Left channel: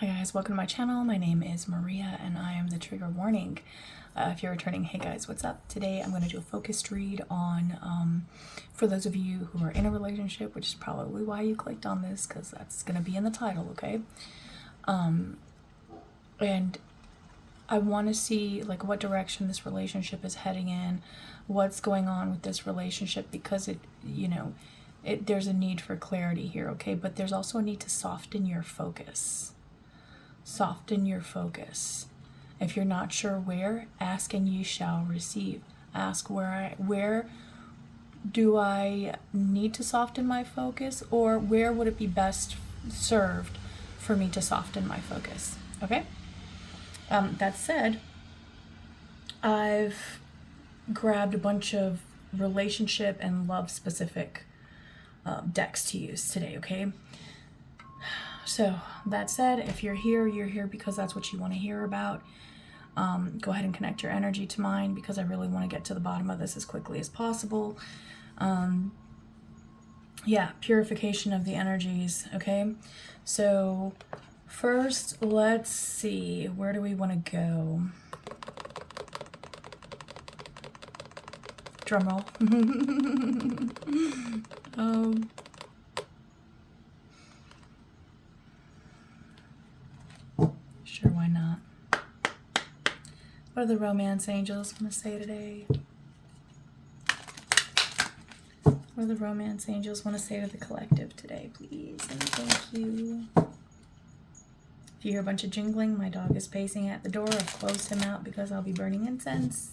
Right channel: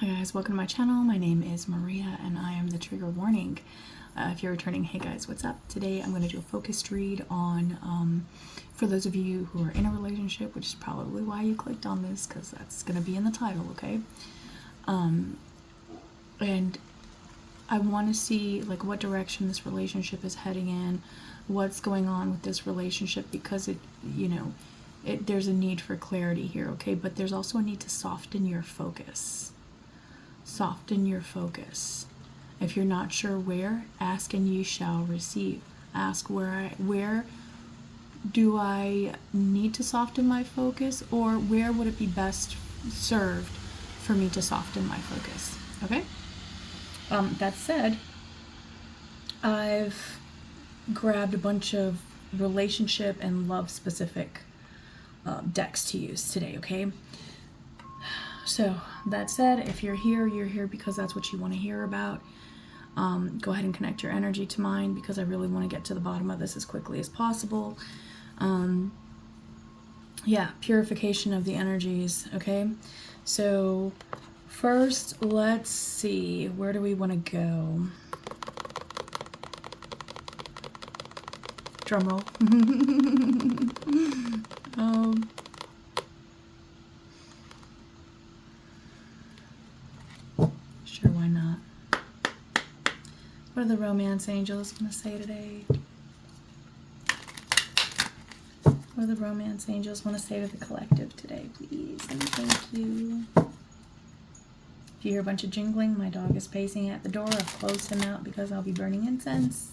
Hi guys, welcome to my channel. My name is Maria and I am the trigger warning. If you're returning, hey guys, what's up? Today I'm going to do a focused read on, for those of you who are in a relationship, which is probably why you clicked on this, because that's going to be in the title, okay? And I want to see like what direction this relationship is heading in, what's going on with this relationship, because there's a need for clarity here, okay? But there's also a need to soften your focus. Soften your focus. If you're not sure where, ask and ye shall receive. Ask where do I need to soften my focus, or where would it be best served for me to soften my focus? Okay? That said, I've grabbed a bunch of relationship and love specific decks to use today, okay? So that said, if you're here because that's what you want to hear about. Go ahead and connect your energy to mine, because I really want to get to the bottom of this as quickly as possible. Yeah, purification of the energies, okay? So first, let's see, where do we want to go? Drum roll. Sure, why not? What do the romance angels want to say today? What do the romance angels want to say to the collective today, please? And thank you. If you hear a bunch of jingling, my dog is pacing at the door. I've closed him out because I'll be burning incense.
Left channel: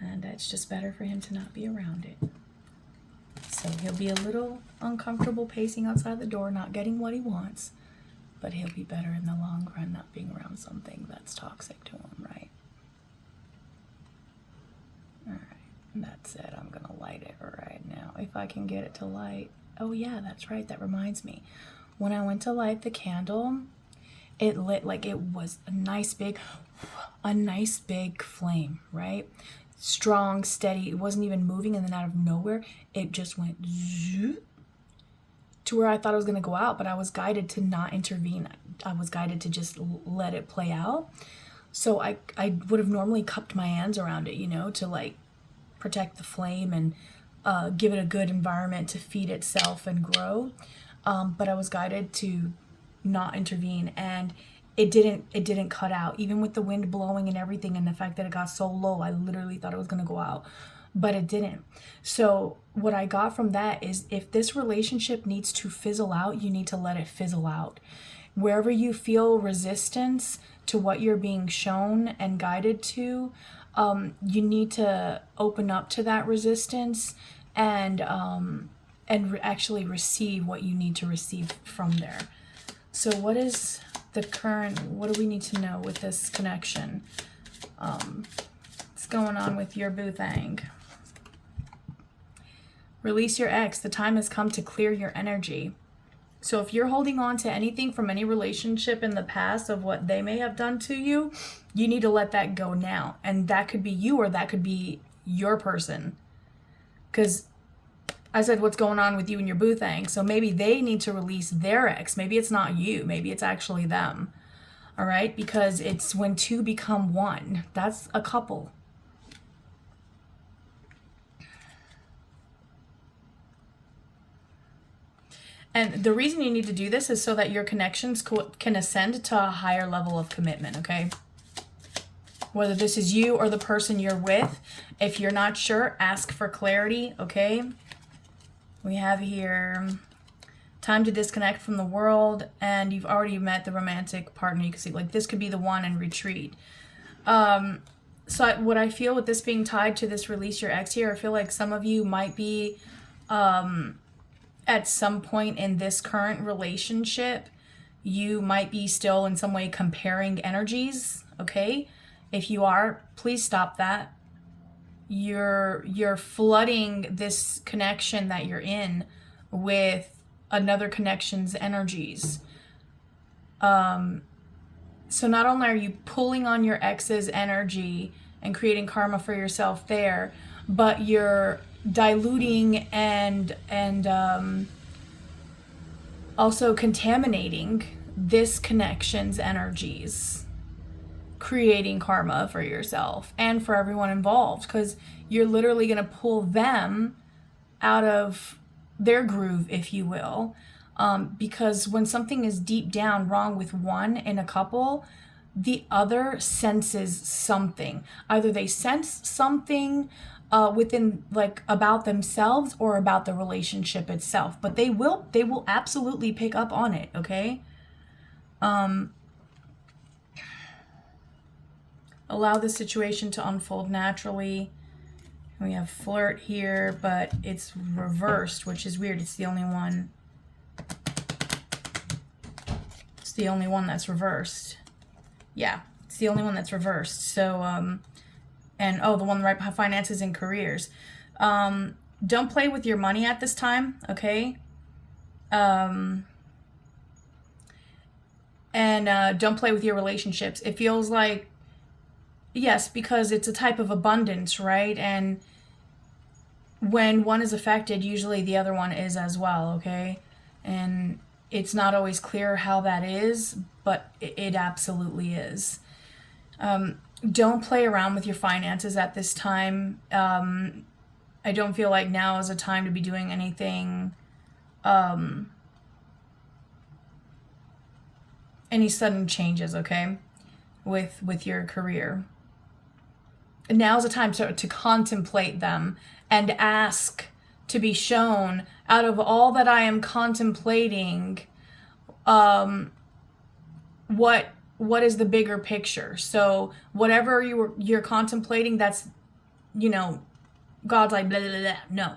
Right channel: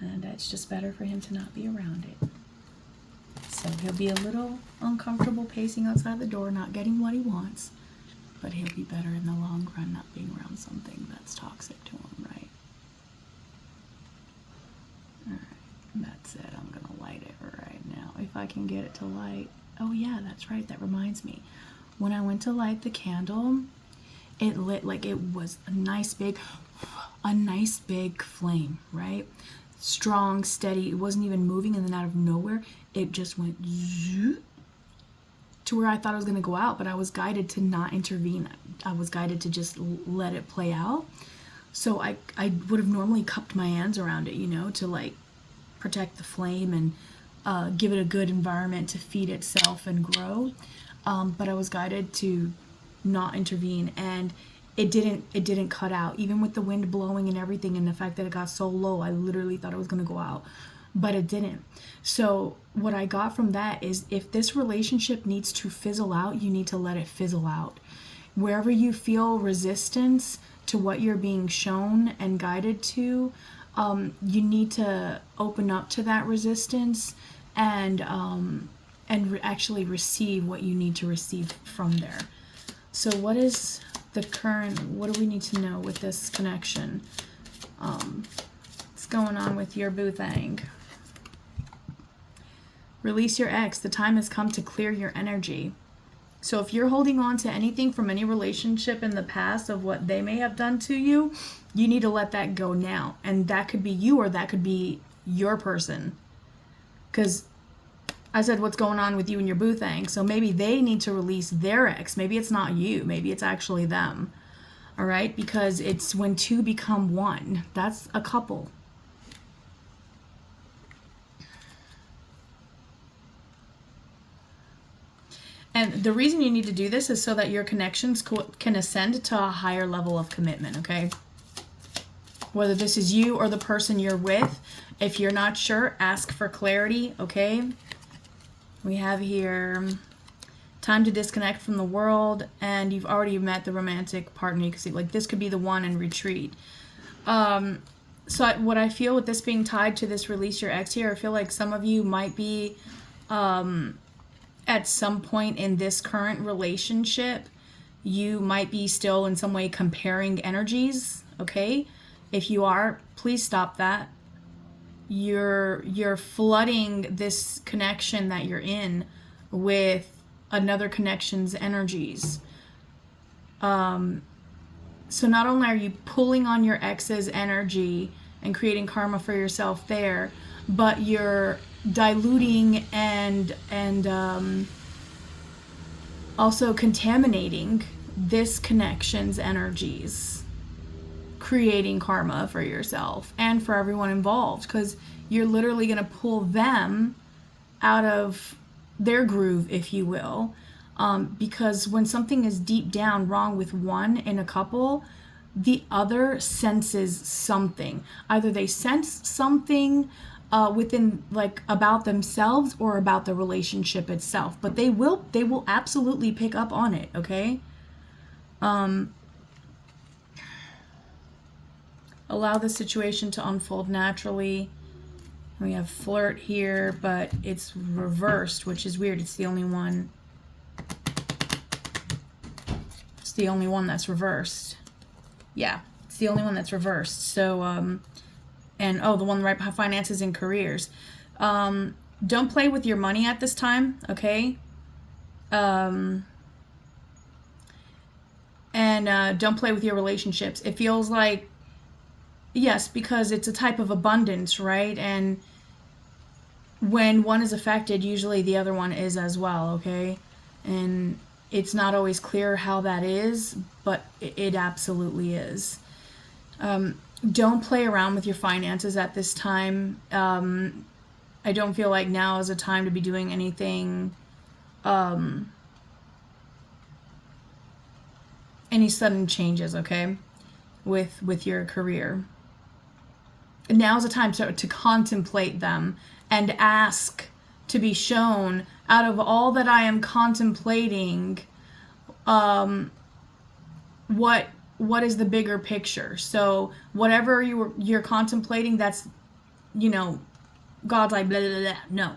And it's just better for him to not be around it. So he'll be a little uncomfortable pacing outside the door, not getting what he wants. But he'll be better in the long run not being around something that's toxic to him, right? Alright, that's it. I'm going to light it right now. If I can get it to light. Oh yeah, that's right. That reminds me. When I went to light the candle, it lit like it was a nice big flame, right? Strong, steady. It wasn't even moving, and then out of nowhere, it just went zoop, to where I thought it was going to go out, but I was guided to not intervene. I was guided to just let it play out. So I would have normally cupped my hands around it, to like protect the flame and give it a good environment to feed itself and grow. But I was guided to not intervene, and it didn't cut out, even with the wind blowing and everything, and the fact that it got so low. I literally thought it was going to go out, but it didn't. So what I got from that is, if this relationship needs to fizzle out, you need to let it fizzle out. Wherever you feel resistance to what you're being shown and guided to, you need to open up to that resistance and actually receive what you need to receive from there. So what is the current, what do we need to know with this connection? What's going on with your boo thing? Release your ex. The time has come to clear your energy. So if you're holding on to anything from any relationship in the past of what they may have done to you, you need to let that go now. And that could be you, or that could be your person. Because I said what's going on with you and your boo thing. So maybe they need to release their ex. Maybe it's not you. Maybe it's actually them. All right? Because it's when two become one. That's a couple. And the reason you need to do this is so that your connections can ascend to a higher level of commitment, okay? Whether this is you or the person you're with, if you're not sure, ask for clarity, okay? We have here time to disconnect from the world, and you've already met the romantic partner. You can see, like, this could be the one, and retreat. So what I feel with this being tied to this release your ex here, I feel like some of you might be at some point in this current relationship, you might be still in some way comparing energies, okay? If you are, please stop that. You're flooding this connection that you're in with another connection's energies. So not only are you pulling on your ex's energy and creating karma for yourself there, but you're diluting and also contaminating this connection's energies, creating karma for yourself and for everyone involved, because you're literally going to pull them out of their groove, if you will. Because when something is deep down wrong with one in a couple, the other senses something. Either they sense something within, like, about themselves or about the relationship itself, but they will absolutely pick up on it. Okay. Allow the situation to unfold naturally. We have flirt here, but it's reversed, which is weird. It's the only one. It's the only one that's reversed. Yeah, it's the only one that's reversed. So, and the one right behind finances and careers. Don't play with your money at this time, okay? And don't play with your relationships. It feels like, yes, because it's a type of abundance, right? And when one is affected, usually the other one is as well, okay? And it's not always clear how that is, but it absolutely is. Don't play around with your finances at this time. I don't feel like now is a time to be doing anything, any sudden changes, okay, with your career. Now's a time to contemplate them and ask to be shown, out of all that I am contemplating, what is the bigger picture? So whatever you're contemplating, that's, God's like blah, blah, blah, blah. No,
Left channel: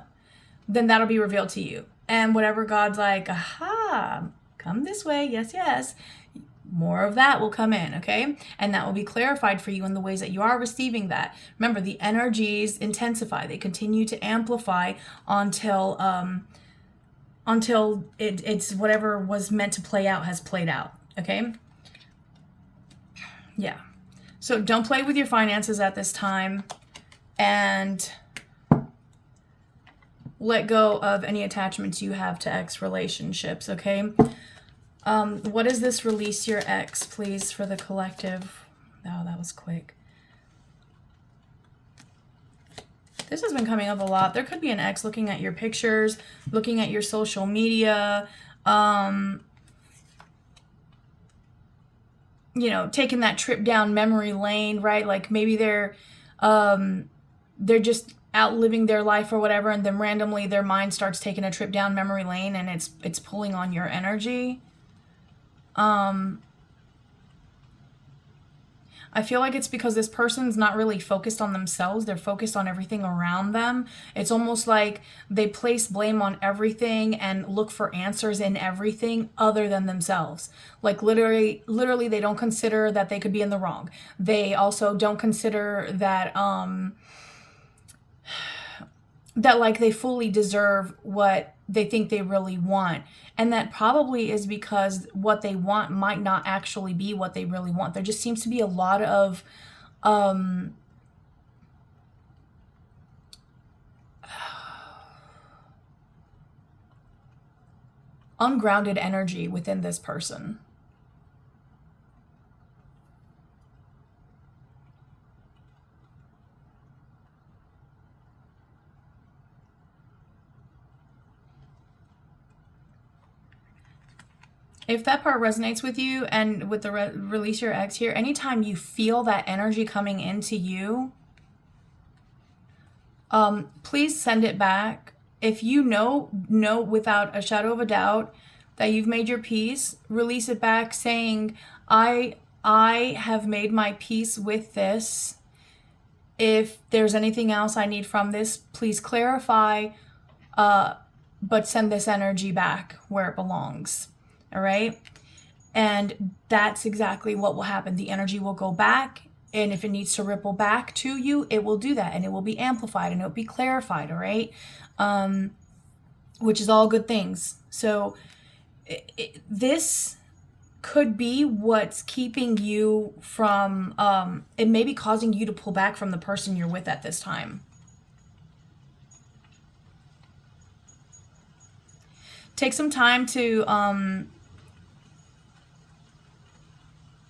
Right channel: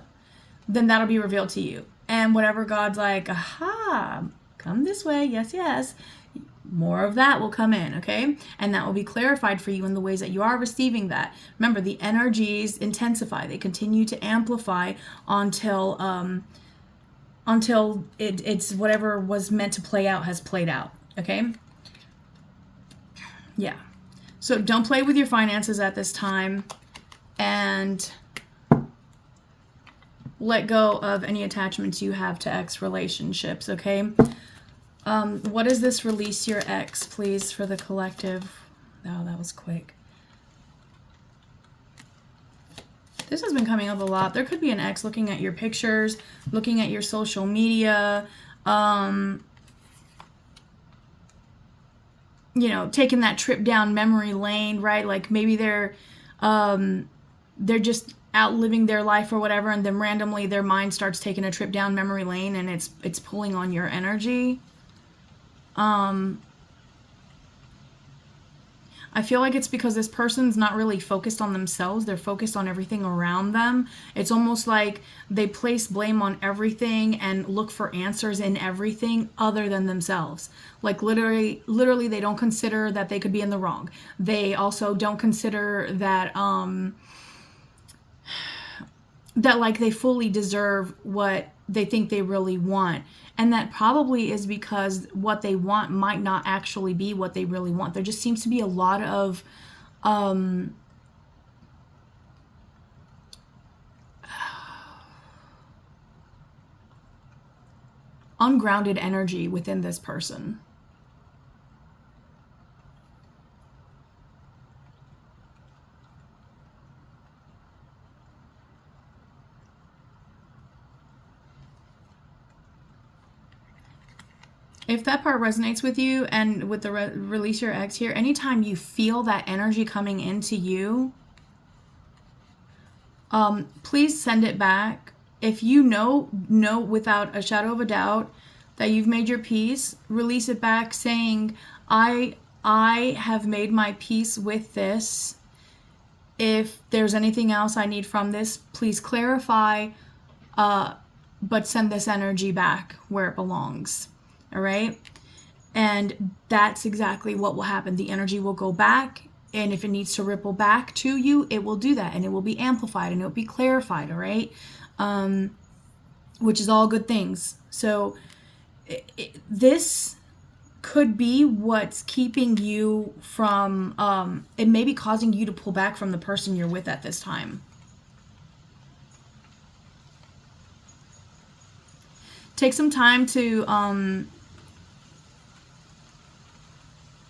then that'll be revealed to you. And whatever God's like, aha, come this way, yes, yes, more of that will come in, okay? And that will be clarified for you in the ways that you are receiving that. Remember, the energies intensify. They continue to amplify until it's whatever was meant to play out has played out, okay? Yeah. So don't play with your finances at this time, and let go of any attachments you have to ex relationships, okay? What is this release your ex, please, for the collective? Oh, that was quick. This has been coming up a lot. There could be an ex looking at your pictures, looking at your social media, taking that trip down memory lane, right? Like maybe they're just out living their life or whatever, and then randomly their mind starts taking a trip down memory lane, and it's pulling on your energy. I feel like it's because this person's not really focused on themselves. They're focused on everything around them. It's almost like they place blame on everything and look for answers in everything other than themselves. Like literally they don't consider that they could be in the wrong. They also don't consider that, that like they fully deserve what they think they really want. And that probably is because what they want might not actually be what they really want. There just seems to be a lot of ungrounded energy within this person. If that part resonates with you, and with the release your ex here, anytime you feel that energy coming into you, please send it back. If you know without a shadow of a doubt that you've made your peace, release it back saying, I have made my peace with this. If there's anything else I need from this, please clarify, but send this energy back where it belongs. All right. And that's exactly what will happen. The energy will go back, and if it needs to ripple back to you, it will do that, and it will be amplified, and it will be clarified. All right. Which is all good things. So this could be what's keeping you from, it may be causing you to pull back from the person you're with at this time. Take some time to,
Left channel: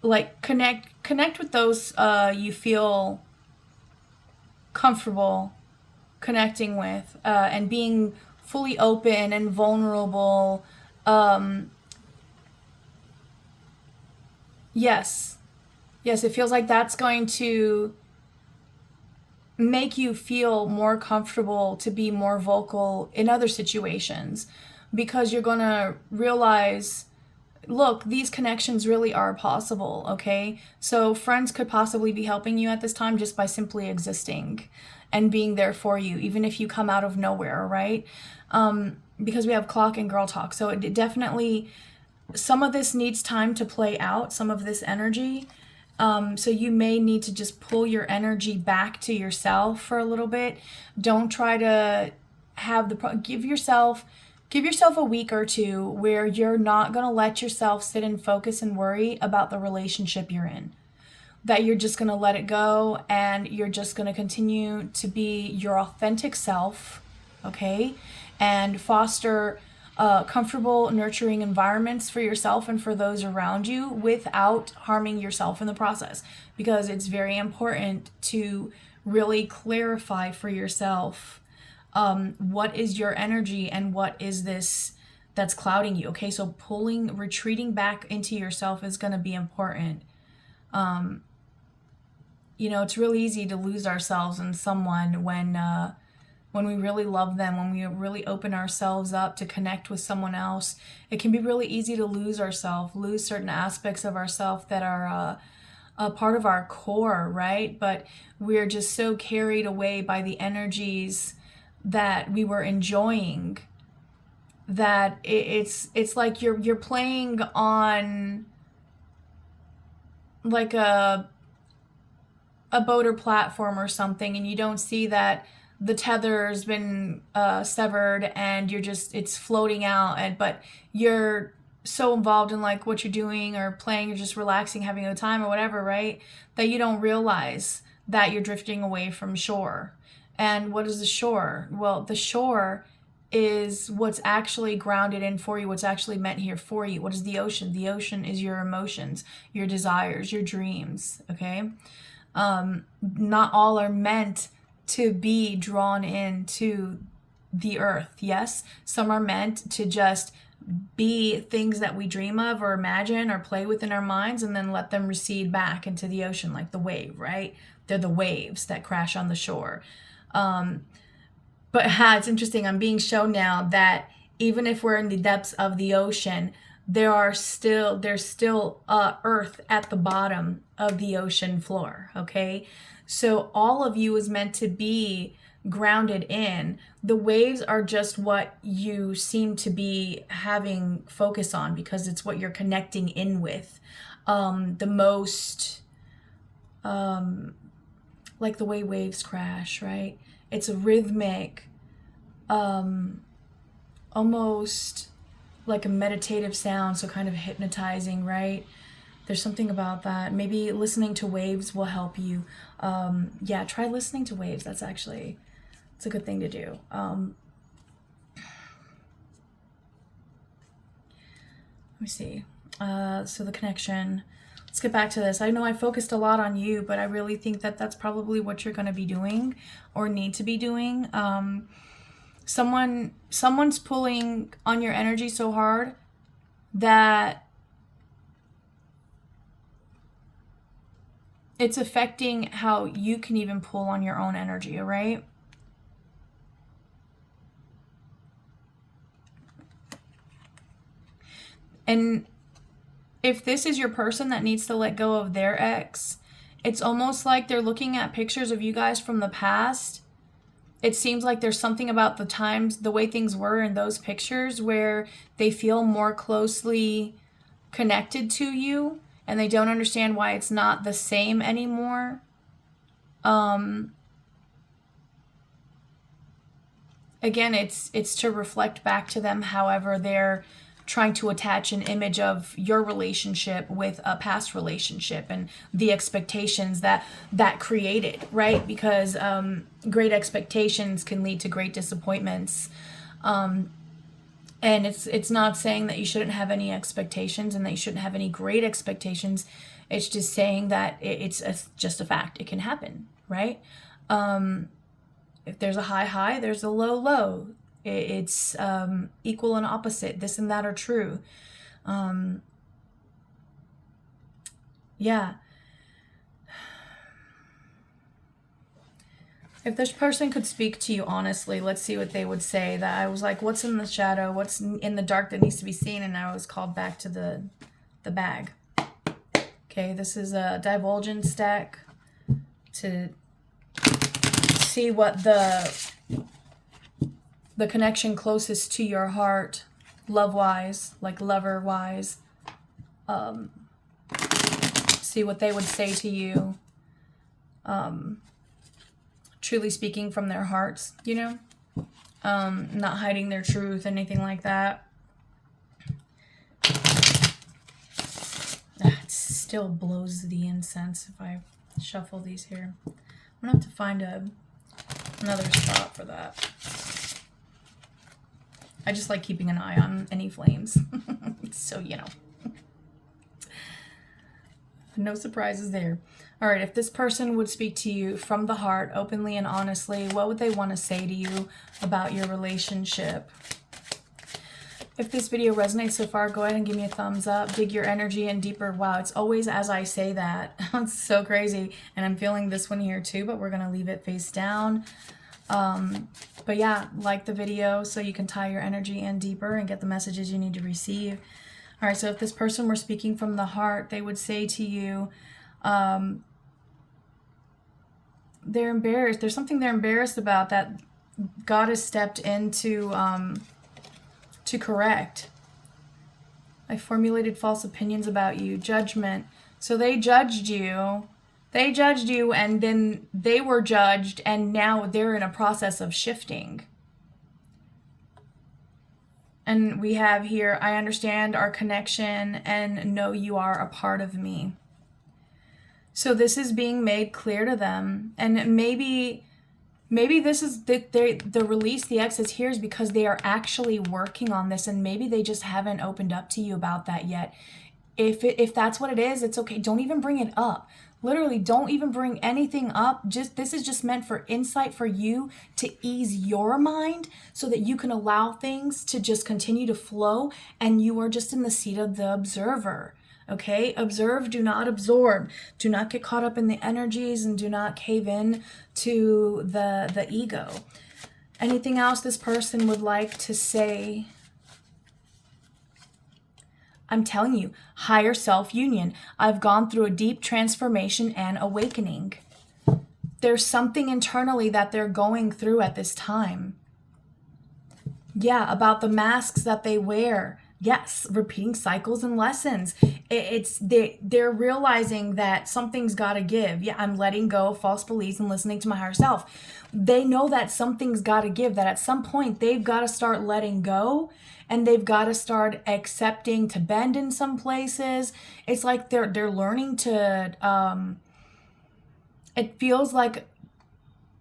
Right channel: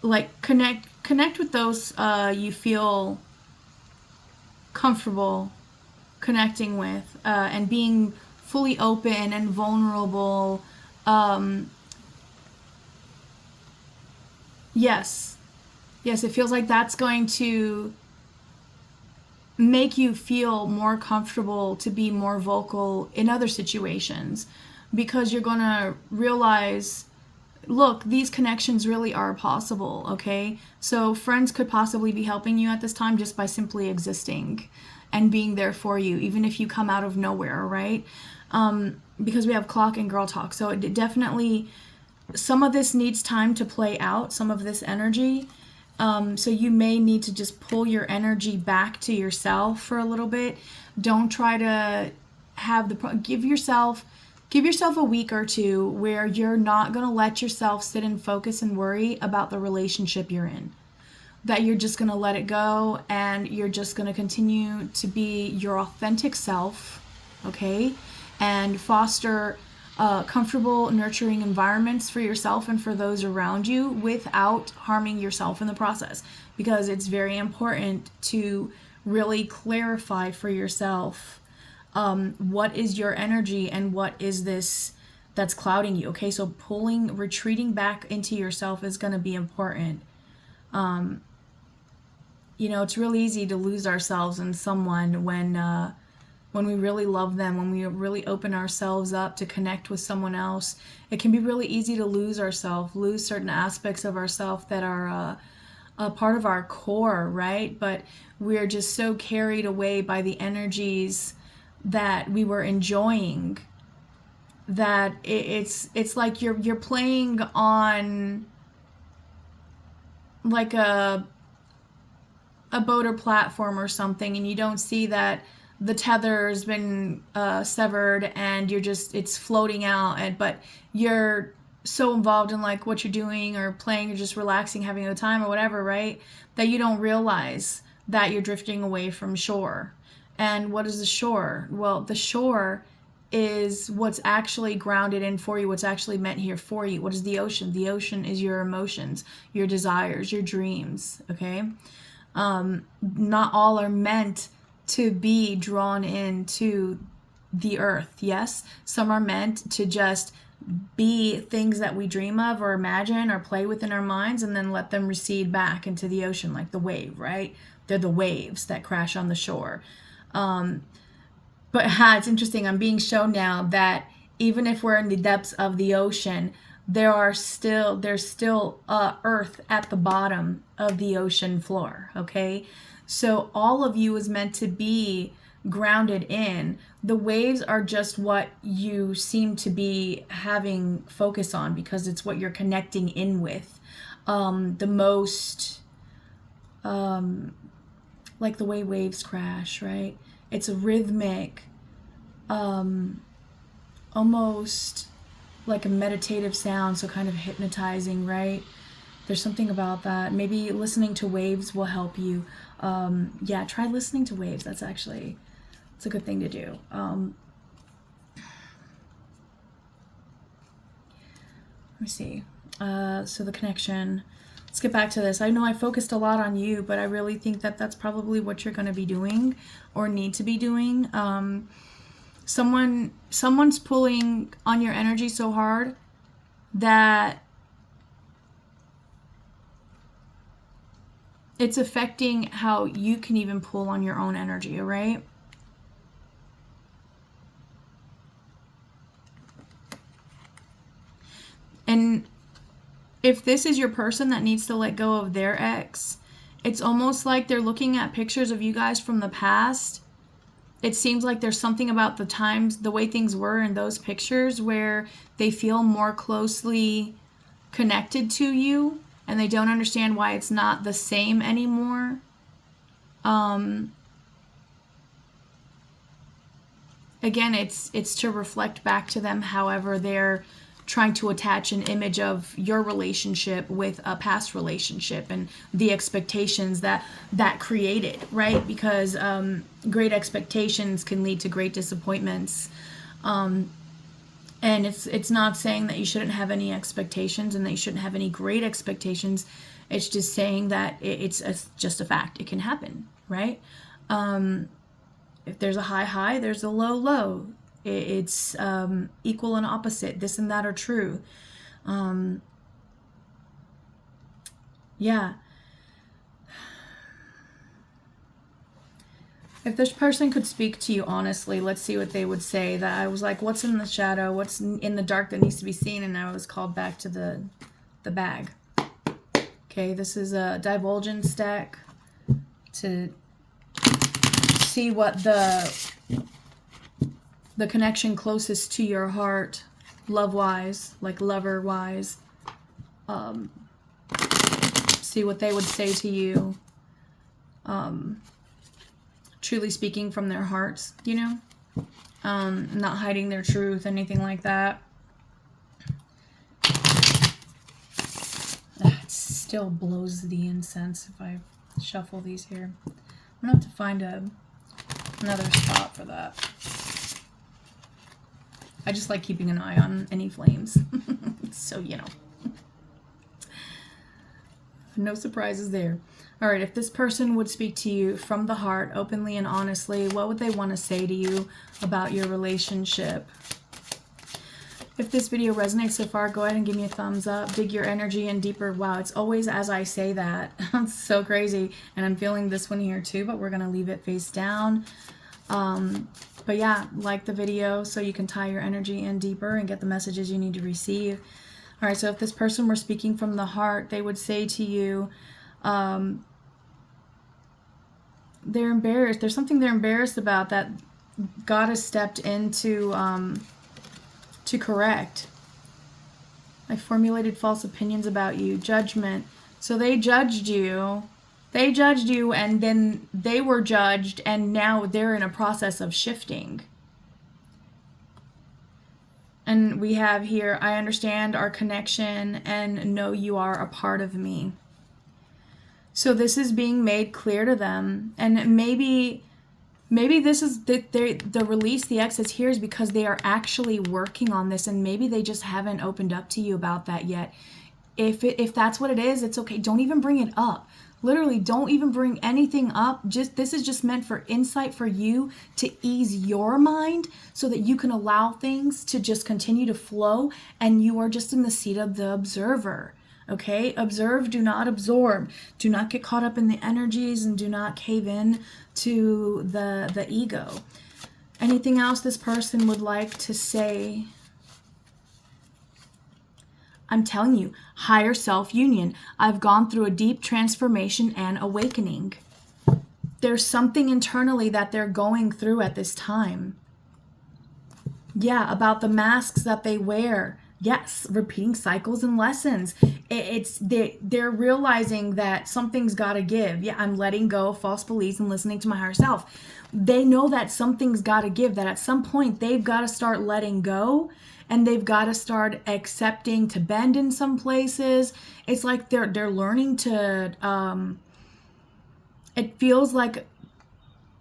like connect with those you feel comfortable connecting with, and being fully open and vulnerable. Yes, yes, it feels like that's going to make you feel more comfortable to be more vocal in other situations, because you're going to realize, look, these connections really are possible, okay? So friends could possibly be helping you at this time just by simply existing and being there for you, even if you come out of nowhere, right? Because we have clock and girl talk. So it definitely, some of this needs time to play out, some of this energy. So you may need to just pull your energy back to yourself for a little bit. Don't try to have give yourself a week or two where you're not going to let yourself sit and focus and worry about the relationship you're in. That you're just going to let it go, and you're just going to continue to be your authentic self, okay? And foster comfortable, nurturing environments for yourself and for those around you without harming yourself in the process. Because it's very important to really clarify for yourself what is your energy and what is this that's clouding you, okay? So retreating back into yourself is going to be important. You know, it's really easy to lose ourselves in someone when we really love them, when we really open ourselves up to connect with someone else. It can be really easy to lose ourselves, lose certain aspects of ourselves that are a part of our core, right? But we're just so carried away by the energies that we were enjoying that it's like you're playing on like a boat or platform or something, and you don't see that the tether has been severed and it's floating out, but you're so involved in like what you're doing or playing, you're just relaxing, having a time or whatever, right? That you don't realize that you're drifting away from shore. And what is the shore? Well, the shore is what's actually grounded in for you, what's actually meant here for you. What is the ocean? The ocean is your emotions, your desires, your dreams, okay? Not all are meant to be drawn into the earth. Yes, some are meant to just be things that we dream of or imagine or play with in our minds, and then let them recede back into the ocean like the wave, right? They're the waves that crash on the shore. But it's interesting. I'm being shown now that even if we're in the depths of the ocean, there's still earth at the bottom of the ocean floor, okay? So all of you is meant to be grounded in. The waves are just what you seem to be having focus on because it's what you're connecting in with. The most, like the way waves crash, right? It's a rhythmic, almost like a meditative sound, so kind of hypnotizing, right? There's something about that. Maybe listening to waves will help you. Yeah, try listening to waves. It's a good thing to do. Let me see. So the connection. Let's get back to this. I know I focused a lot on you, but I really think that that's probably what you're going to be doing or need to be doing. Someone's pulling on your energy so hard that it's affecting how you can even pull on your own energy, right? And if this is your person that needs to let go of their ex, it's almost like they're looking at pictures of you guys from the past. It seems like there's something about the times, the way things were in those pictures where they feel more closely connected to you and they don't understand why it's not the same anymore. Again, it's to reflect back to them however they're trying to attach an image of your relationship with a past relationship and the expectations that created, right? Because great expectations can lead to great disappointments. And it's not saying that you shouldn't have any expectations and that you shouldn't have any great expectations. It's just saying that it's just a fact. It can happen, right? If there's a high, there's a low. It's equal and opposite. This and that are true. Yeah. If this person could speak to you honestly, let's see what they would say. That I was like, what's in the shadow? What's in the dark that needs to be seen? And now I was called back to the bag. Okay, this is a divulgence deck to see what the connection closest to your heart, love-wise, like lover-wise, see what they would say to you. Truly speaking from their hearts, you know, not hiding their truth, anything like that. It still blows the incense if I shuffle these here. I'm gonna have to find another spot for that. I just like keeping an eye on any flames. So, you know, no surprises there. All right, if this person would speak to you from the heart, openly and honestly, what would they want to say to you about your relationship? If this video resonates so far, go ahead and give me a thumbs up. Dig your energy in deeper. Wow, it's always as I say that. It's so crazy. And I'm feeling this one here too, but we're going to leave it face down. But yeah, like the video so you can tie your energy in deeper and get the messages you need to receive. All right, so if this person were speaking from the heart, they would say to you, they're embarrassed. There's something they're embarrassed about that God has stepped in to correct. I formulated false opinions about you. Judgment. So they judged you. They judged you, and then they were judged, and now they're in a process of shifting. And we have here, I understand our connection and know you are a part of me. So this is being made clear to them. And maybe this is the release, the exits here is because they are actually working on this, and maybe they just haven't opened up to you about that yet. If that's what it is, it's okay. Don't even bring it up. Literally, don't even bring anything up. This is just meant for insight for you to ease your mind so that you can allow things to just continue to flow, and you are just in the seat of the observer. Okay? Observe, do not absorb. Do not get caught up in the energies, and do not cave in to the ego. Anything else this person would like to say? I'm telling you, higher self-union. I've gone through a deep transformation and awakening. There's something internally that they're going through at this time. Yeah, about the masks that they wear. Yes, repeating cycles and lessons. They're realizing that something's got to give. Yeah, I'm letting go of false beliefs and listening to my higher self. They know that something's got to give, that at some point they've got to start letting go. And they've got to start accepting to bend in some places. It's like they're learning to, it feels like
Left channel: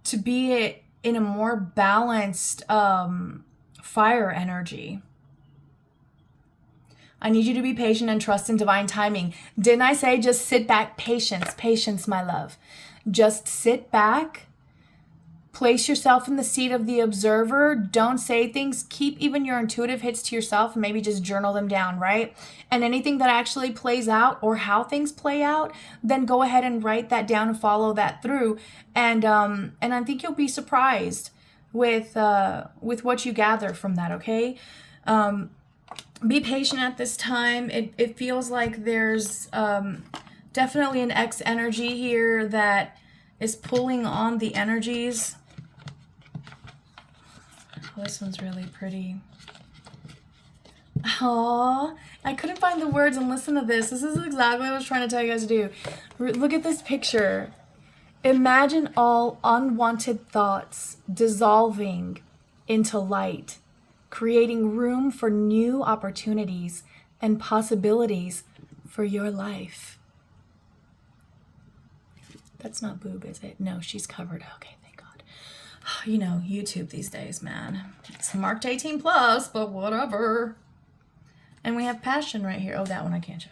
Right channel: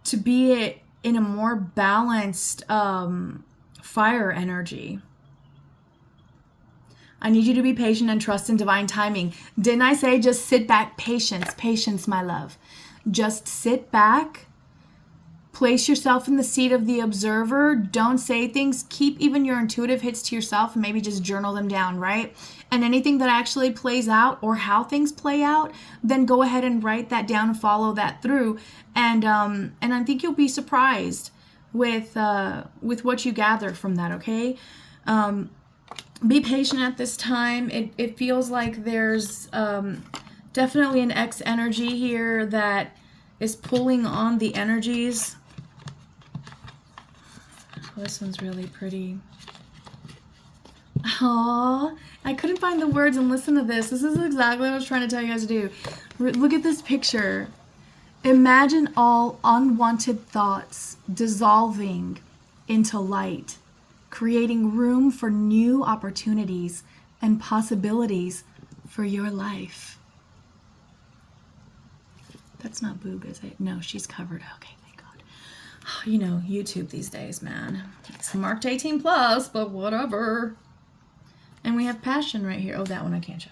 to be in a more balanced fire energy. I need you to be patient and trust in divine timing. Didn't I say just sit back? Patience, my love. Just sit back. Place yourself in the seat of the observer. Don't say things. Keep even your intuitive hits to yourself and maybe just journal them down, right? And anything that actually plays out or how things play out, then go ahead and write that down and follow that through. And I think you'll be surprised with what you gather from that, okay? Be patient at this time. It feels like there's definitely an X energy here that is pulling on the energies. This one's really pretty. Aww, I couldn't find the words, and listen to this. This is exactly what I was trying to tell you guys to do. Look at this picture. Imagine all unwanted thoughts dissolving into light, creating room for new opportunities and possibilities for your life. That's not Boob, is it? No, she's covered. Okay, thank God. You know, YouTube these days, man. It's marked 18 plus, but whatever. And we have passion right here. Oh, that one I can't show.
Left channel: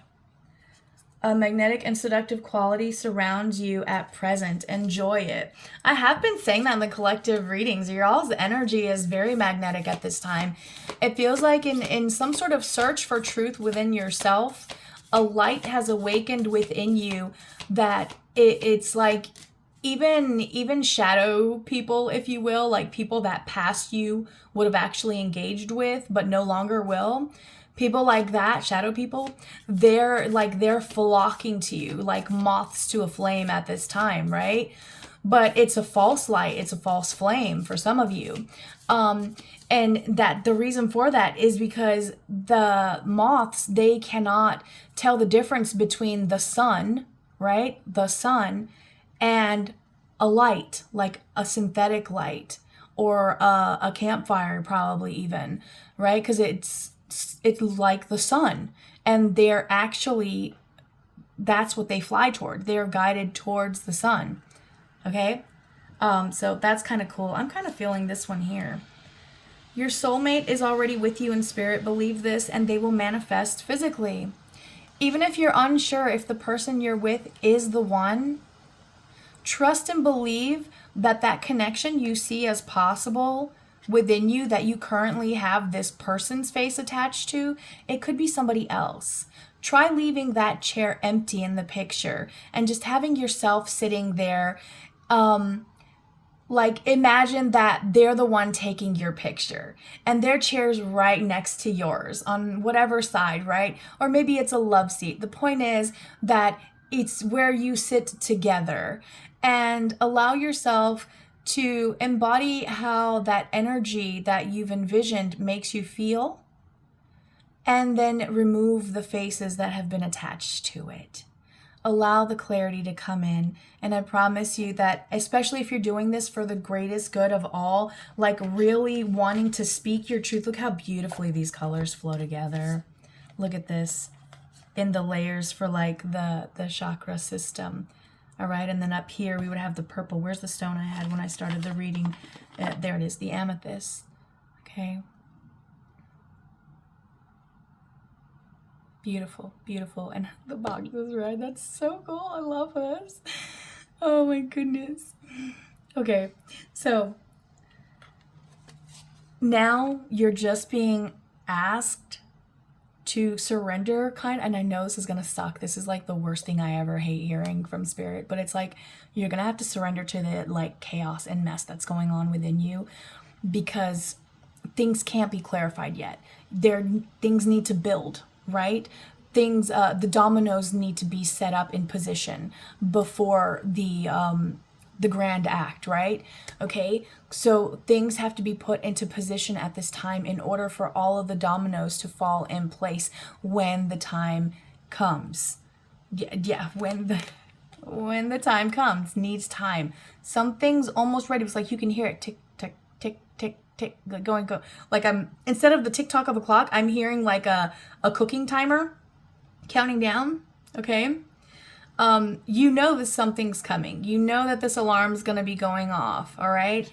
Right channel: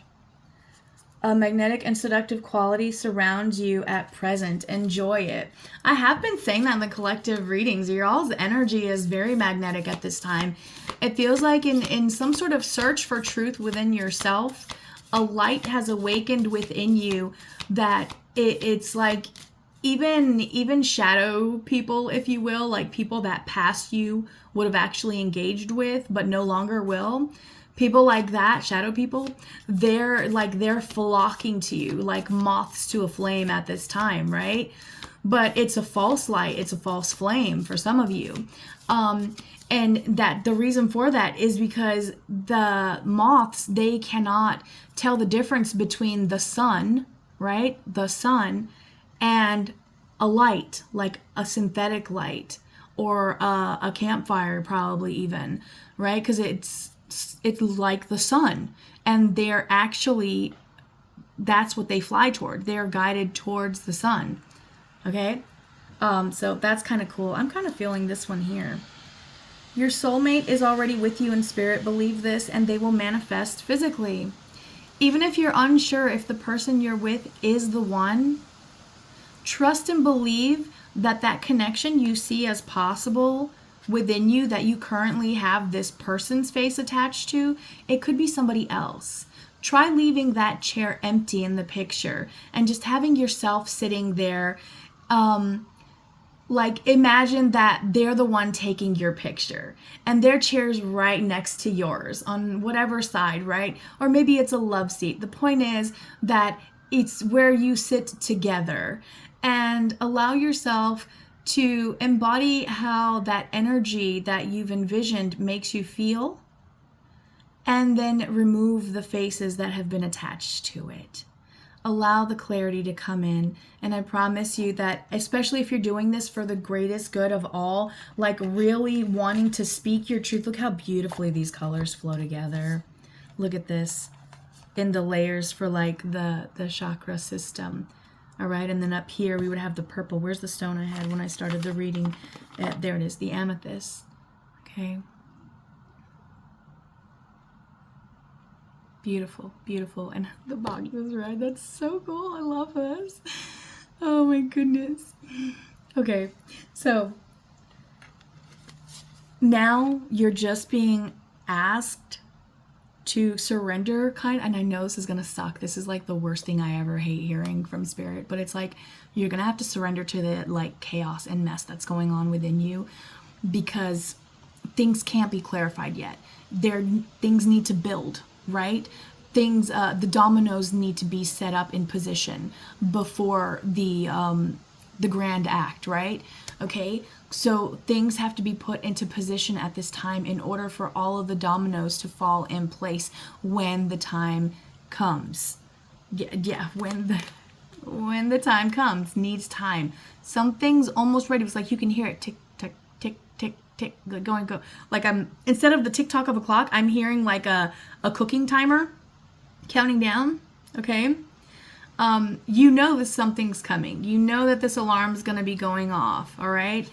A magnetic and seductive quality surrounds you at present. Enjoy it. I have been saying that in the collective readings. Your all's energy is very magnetic at this time. It feels like in some sort of search for truth within yourself, a light has awakened within you that it's like even shadow people, if you will, like people that past you would have actually engaged with but no longer will. People like that, shadow people, they're flocking to you like moths to a flame at this time, right? But it's a false light, it's a false flame for some of you. And that the reason for that is because the moths, they cannot tell the difference between the sun, right? The sun and a light, like a synthetic light or a campfire, probably even, right? Because it's like the sun, and they're actually, that's what they fly toward. They're guided towards the sun. Okay. So that's kind of cool. I'm kind of feeling this one here. Your soulmate is already with you in spirit. Believe this, and they will manifest physically. Even if you're unsure if the person you're with is the one, trust and believe that that connection you see as possible within you, that you currently have this person's face attached to, it could be somebody else. Try leaving that chair empty in the picture and just having yourself sitting there. Like imagine that they're the one taking your picture and their chair's right next to yours on whatever side, right? Or maybe it's a love seat. The point is that it's where you sit together, and allow yourself to embody how that energy that you've envisioned makes you feel, and then remove the faces that have been attached to it. Allow the clarity to come in, and I promise you that, especially if you're doing this for the greatest good of all, like really wanting to speak your truth. Look how beautifully these colors flow together. Look at this in the layers for like the chakra system. All right, and then up here we would have the purple. Where's the stone I had when I started the reading? There it is, the amethyst. Okay. Beautiful, beautiful. And the box is red. That's so cool. I love this. Oh my goodness. Okay, so now you're just being asked to surrender, and I know this is gonna suck. This is like the worst thing I ever hate hearing from spirit, but it's like you're gonna have to surrender to the like chaos and mess that's going on within you, because things can't be clarified yet. Things need to build, right? Things, the dominoes need to be set up in position before the grand act, right? Okay, so things have to be put into position at this time in order for all of the dominoes to fall in place when the time comes. Yeah, when the time comes, needs time. Some things almost ready. It's like you can hear it tick, tick, tick, tick, tick, going. Like instead of the tick tock of a clock, I'm hearing like a cooking timer counting down. Okay. You know that something's coming. You know that this alarm is going to be going off, all right?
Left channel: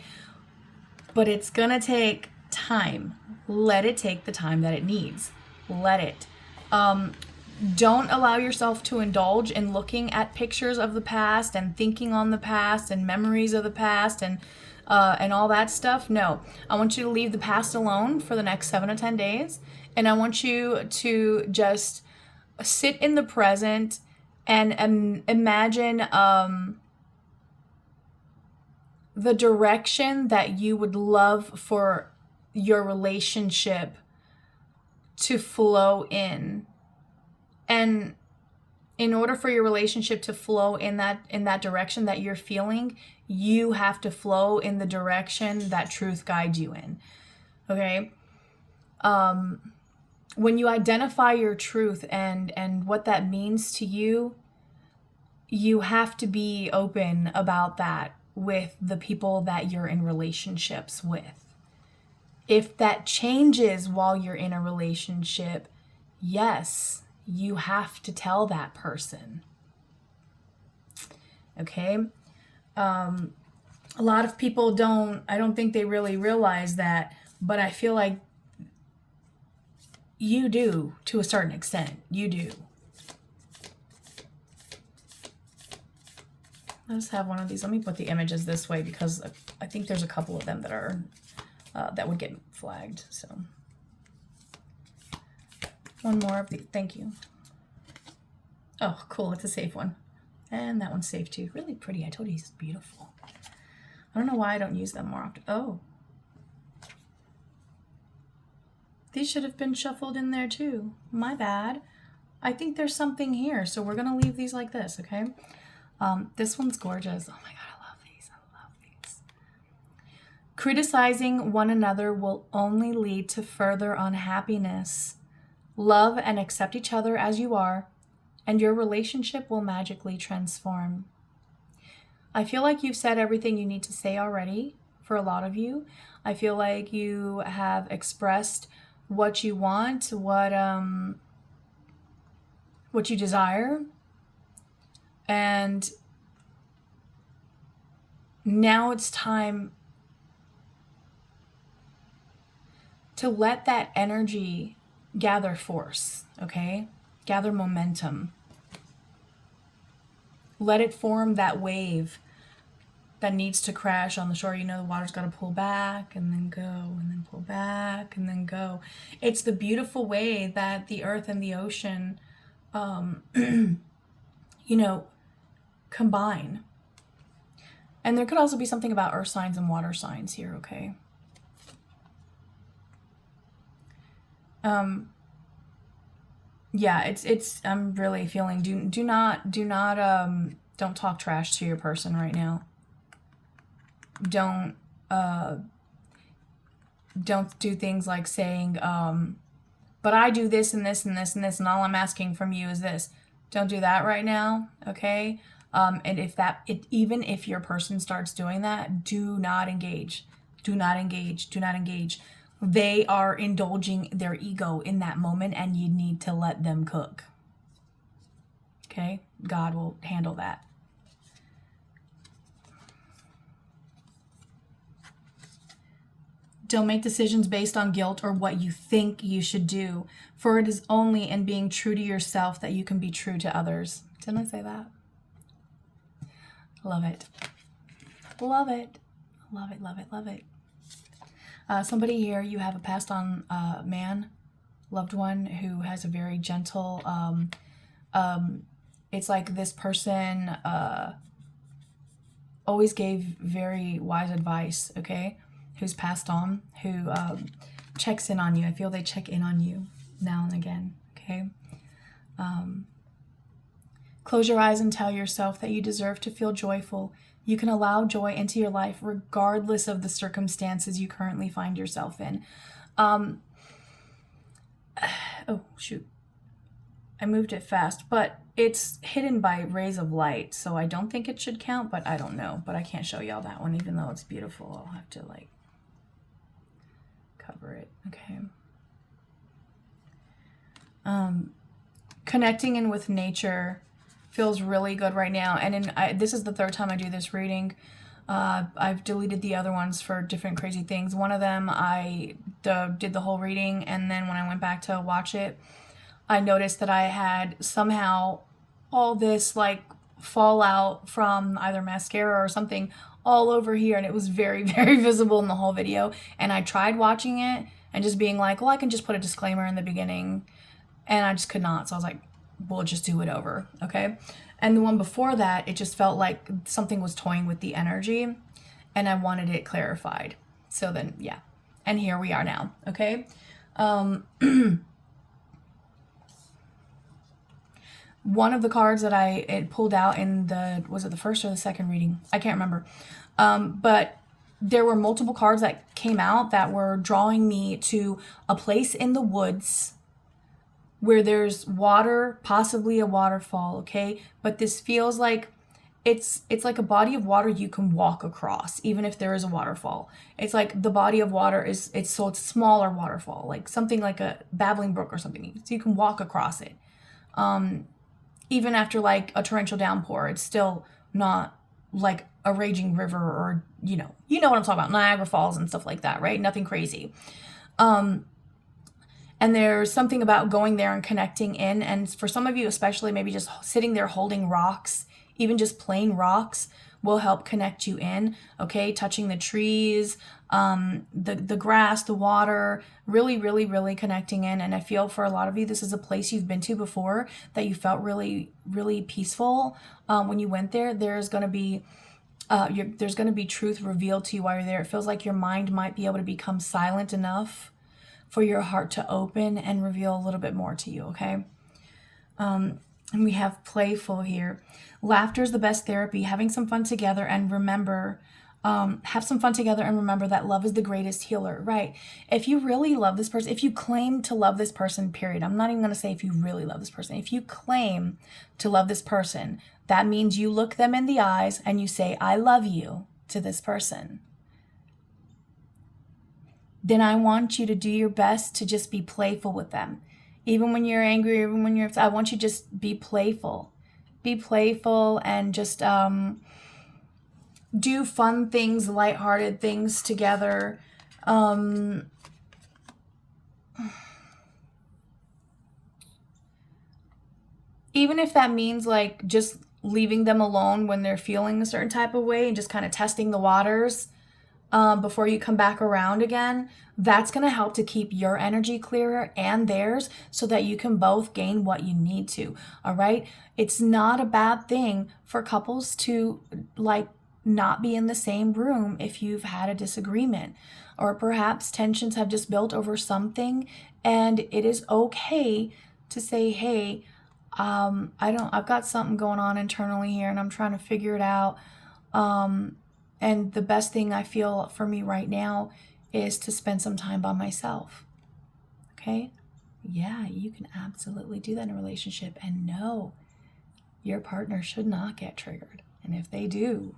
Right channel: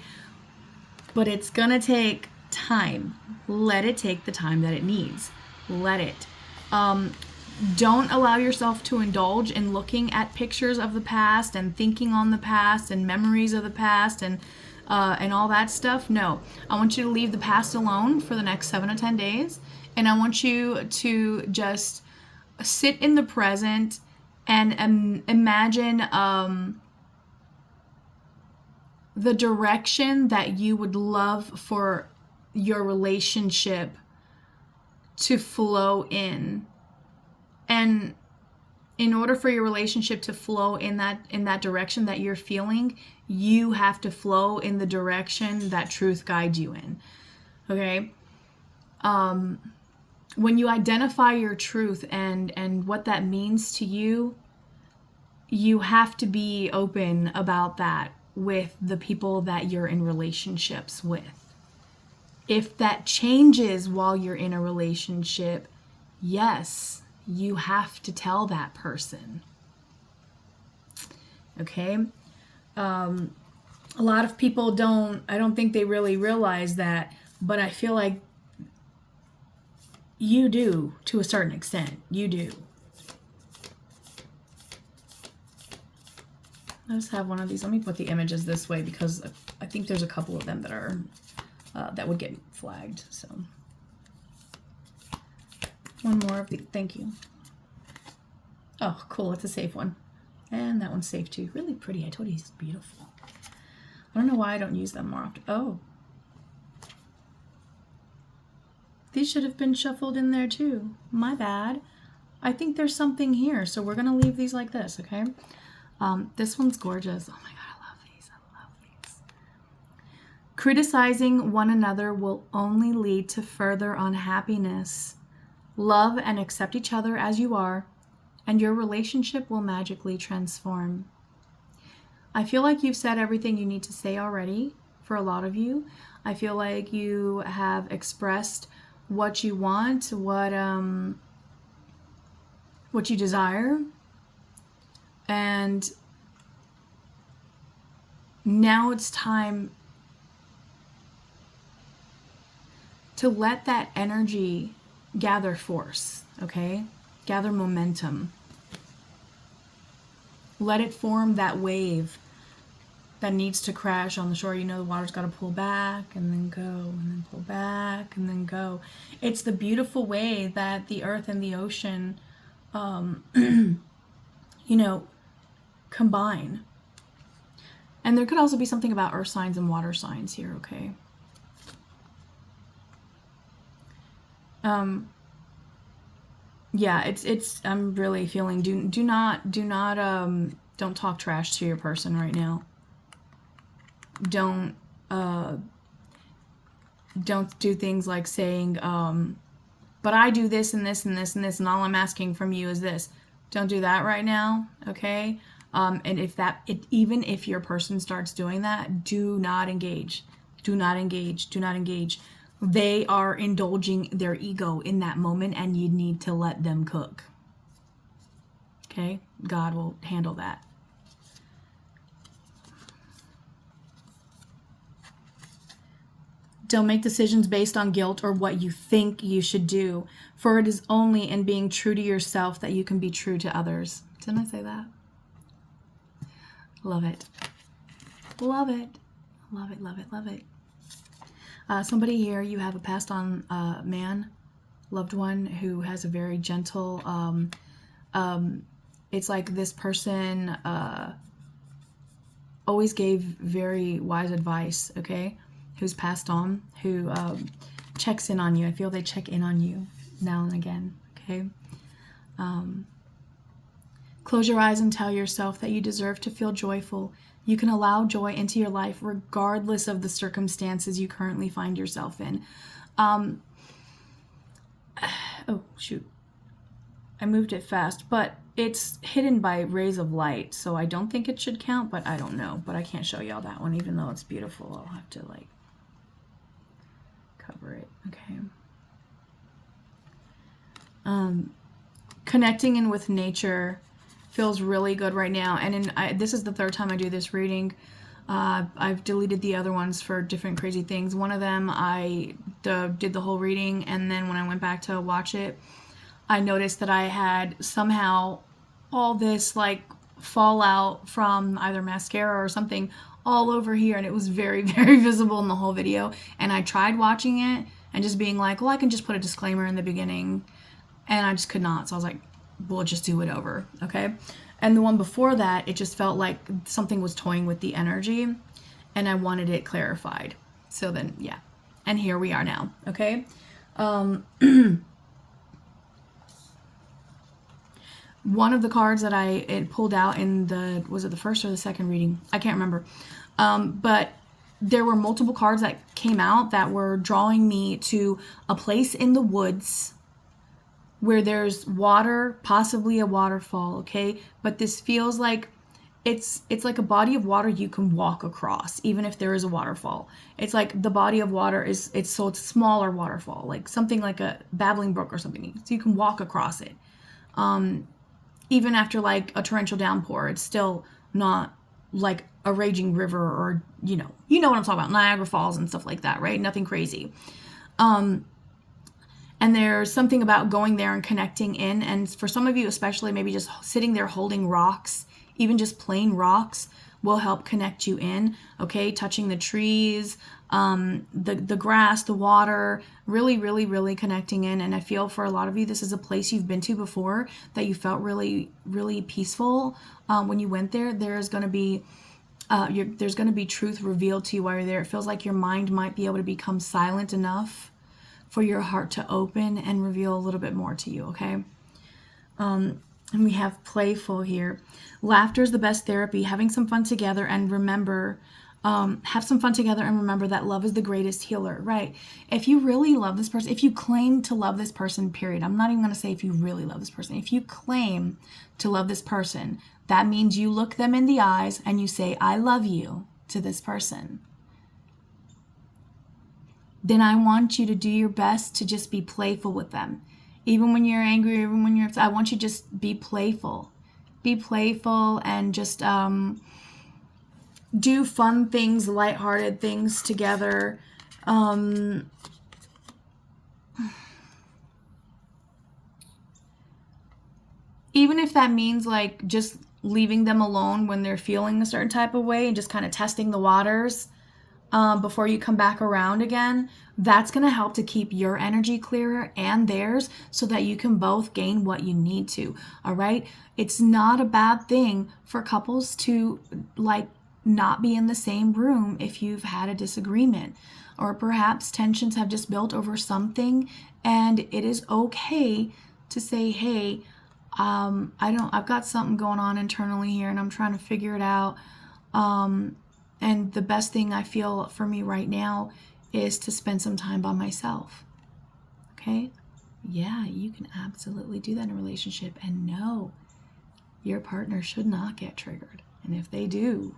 But it's going to take time. Let it take the time that it needs. Let it. Don't allow yourself to indulge in looking at pictures of the past and thinking on the past and memories of the past and all that stuff. No, I want you to leave the past alone for the next 7 to 10 days. And I want you to just sit in the present and imagine the direction that you would love for your relationship to flow in. And in order for your relationship to flow in that direction that you're feeling, you have to flow in the direction that truth guides you in. Okay? When you identify your truth and what that means to you, you have to be open about that with the people that you're in relationships with. If that changes while you're in a relationship, yes, you have to tell that person. Okay? A lot of people I don't think they really realize that, but I feel like you do to a certain extent. You do. Let's have one of these. Let me put the images this way because I think there's a couple of them that are that would get flagged. So one more of the. Thank you. Oh, cool! It's a safe one, and that one's safe too. Really pretty. I told you he's beautiful. I don't know why I don't use them more often. Oh, these should have been shuffled in there too. My bad. I think there's something here, so we're gonna leave these like this, okay? This one's gorgeous. Oh my God, I love these. I love these. Criticizing one another will only lead to further unhappiness. Love and accept each other as you are, and your relationship will magically transform. I feel like you've said everything you need to say already for a lot of you. I feel like you have expressed what you want, what you desire. And now it's time to let that energy gather force, okay? Gather momentum. Let it form that wave that needs to crash on the shore. You know, the water's got to pull back and then go and then pull back and then go. It's the beautiful way that the earth and the ocean, you know, combine. And there could also be something about earth signs and water signs here, okay? Yeah, it's I'm really feeling don't talk trash to your person right now. Don't do things like saying but I do this and this and this and this and all I'm asking from you is this. Don't do that right now, okay? And even if your person starts doing that, do not engage. Do not engage. Do not engage. They are indulging their ego in that moment and you need to let them cook. Okay? God will handle that. Don't make decisions based on guilt or what you think you should do, for it is only in being true to yourself that you can be true to others. Didn't I say that? Love it. Love it. Love it, love it, love it. Somebody here, you have a passed on man, loved one who has a very gentle, it's like this person always gave very wise advice, okay? Who's passed on, who checks in on you. I feel they check in on you now and again, okay? Close your eyes and tell yourself that you deserve to feel joyful. You can allow joy into your life regardless of the circumstances you currently find yourself in. Oh, shoot. I moved it fast, but it's hidden by rays of light, so I don't think it should count, but I don't know. But I can't show y'all that one, even though it's beautiful. I'll have to, like, cover it. Okay. Connecting in with nature feels really good right now, and this is the third time I do this reading. I've deleted the other ones for different crazy things. One of them I did the whole reading, and then when I went back to watch it, I noticed that I had somehow all this like fallout from either mascara or something all over here, and it was very, very visible in the whole video. And I tried watching it and just being like, well, I can just put a disclaimer in the beginning, and I just could not. So I was like, we'll just do it over, okay? And the one before that, it just felt like something was toying with the energy, and I wanted it clarified. So then, yeah. And here we are now, okay? One of the cards that it pulled out in was it the first or the second reading? I can't remember. But there were multiple cards that came out that were drawing me to a place in the woods where there's water, possibly a waterfall, okay? But this feels like it's like a body of water you can walk across, even if there is a waterfall. It's like the body of water it's a smaller waterfall, like something like a babbling brook or something. So you can walk across it. Even after like a torrential downpour, it's still not like a raging river, or, you know what I'm talking about, Niagara Falls and stuff like that, right? Nothing crazy. And there's something about going there and connecting in. And for some of you, especially, maybe just sitting there holding rocks, even just plain rocks, will help connect you in. Okay, touching the trees, the grass, the water, really, really, really connecting in. And I feel for a lot of you, this is a place you've been to before that you felt really, really peaceful when you went there. There's going to be truth revealed to you while you're there. It feels like your mind might be able to become silent enough for your heart to open and reveal a little bit more to you, okay? And we have playful here. Laughter is the best therapy. Having some fun together, and remember, have some fun together and remember that love is the greatest healer, right? If you really love this person, if you claim to love this person, period. I'm not even going to say if you really love this person. If you claim to love this person, that means you look them in the eyes and you say, I love you to this person. Then I want you to do your best to just be playful with them. Even when you're angry, even when you're upset, I want you to just be playful. Be playful and just do fun things, lighthearted things together. Even if that means like just leaving them alone when they're feeling a certain type of way and just kind of testing the waters before you come back around again, that's going to help to keep your energy clearer and theirs so that you can both gain what you need to. All right. It's not a bad thing for couples to like not be in the same room if you've had a disagreement, or perhaps tensions have just built over something, and it is okay to say, hey, I've got something going on internally here and I'm trying to figure it out. And the best thing I feel for me right now is to spend some time by myself. Okay? Yeah, you can absolutely do that in a relationship. And no, your partner should not get triggered. And if they do,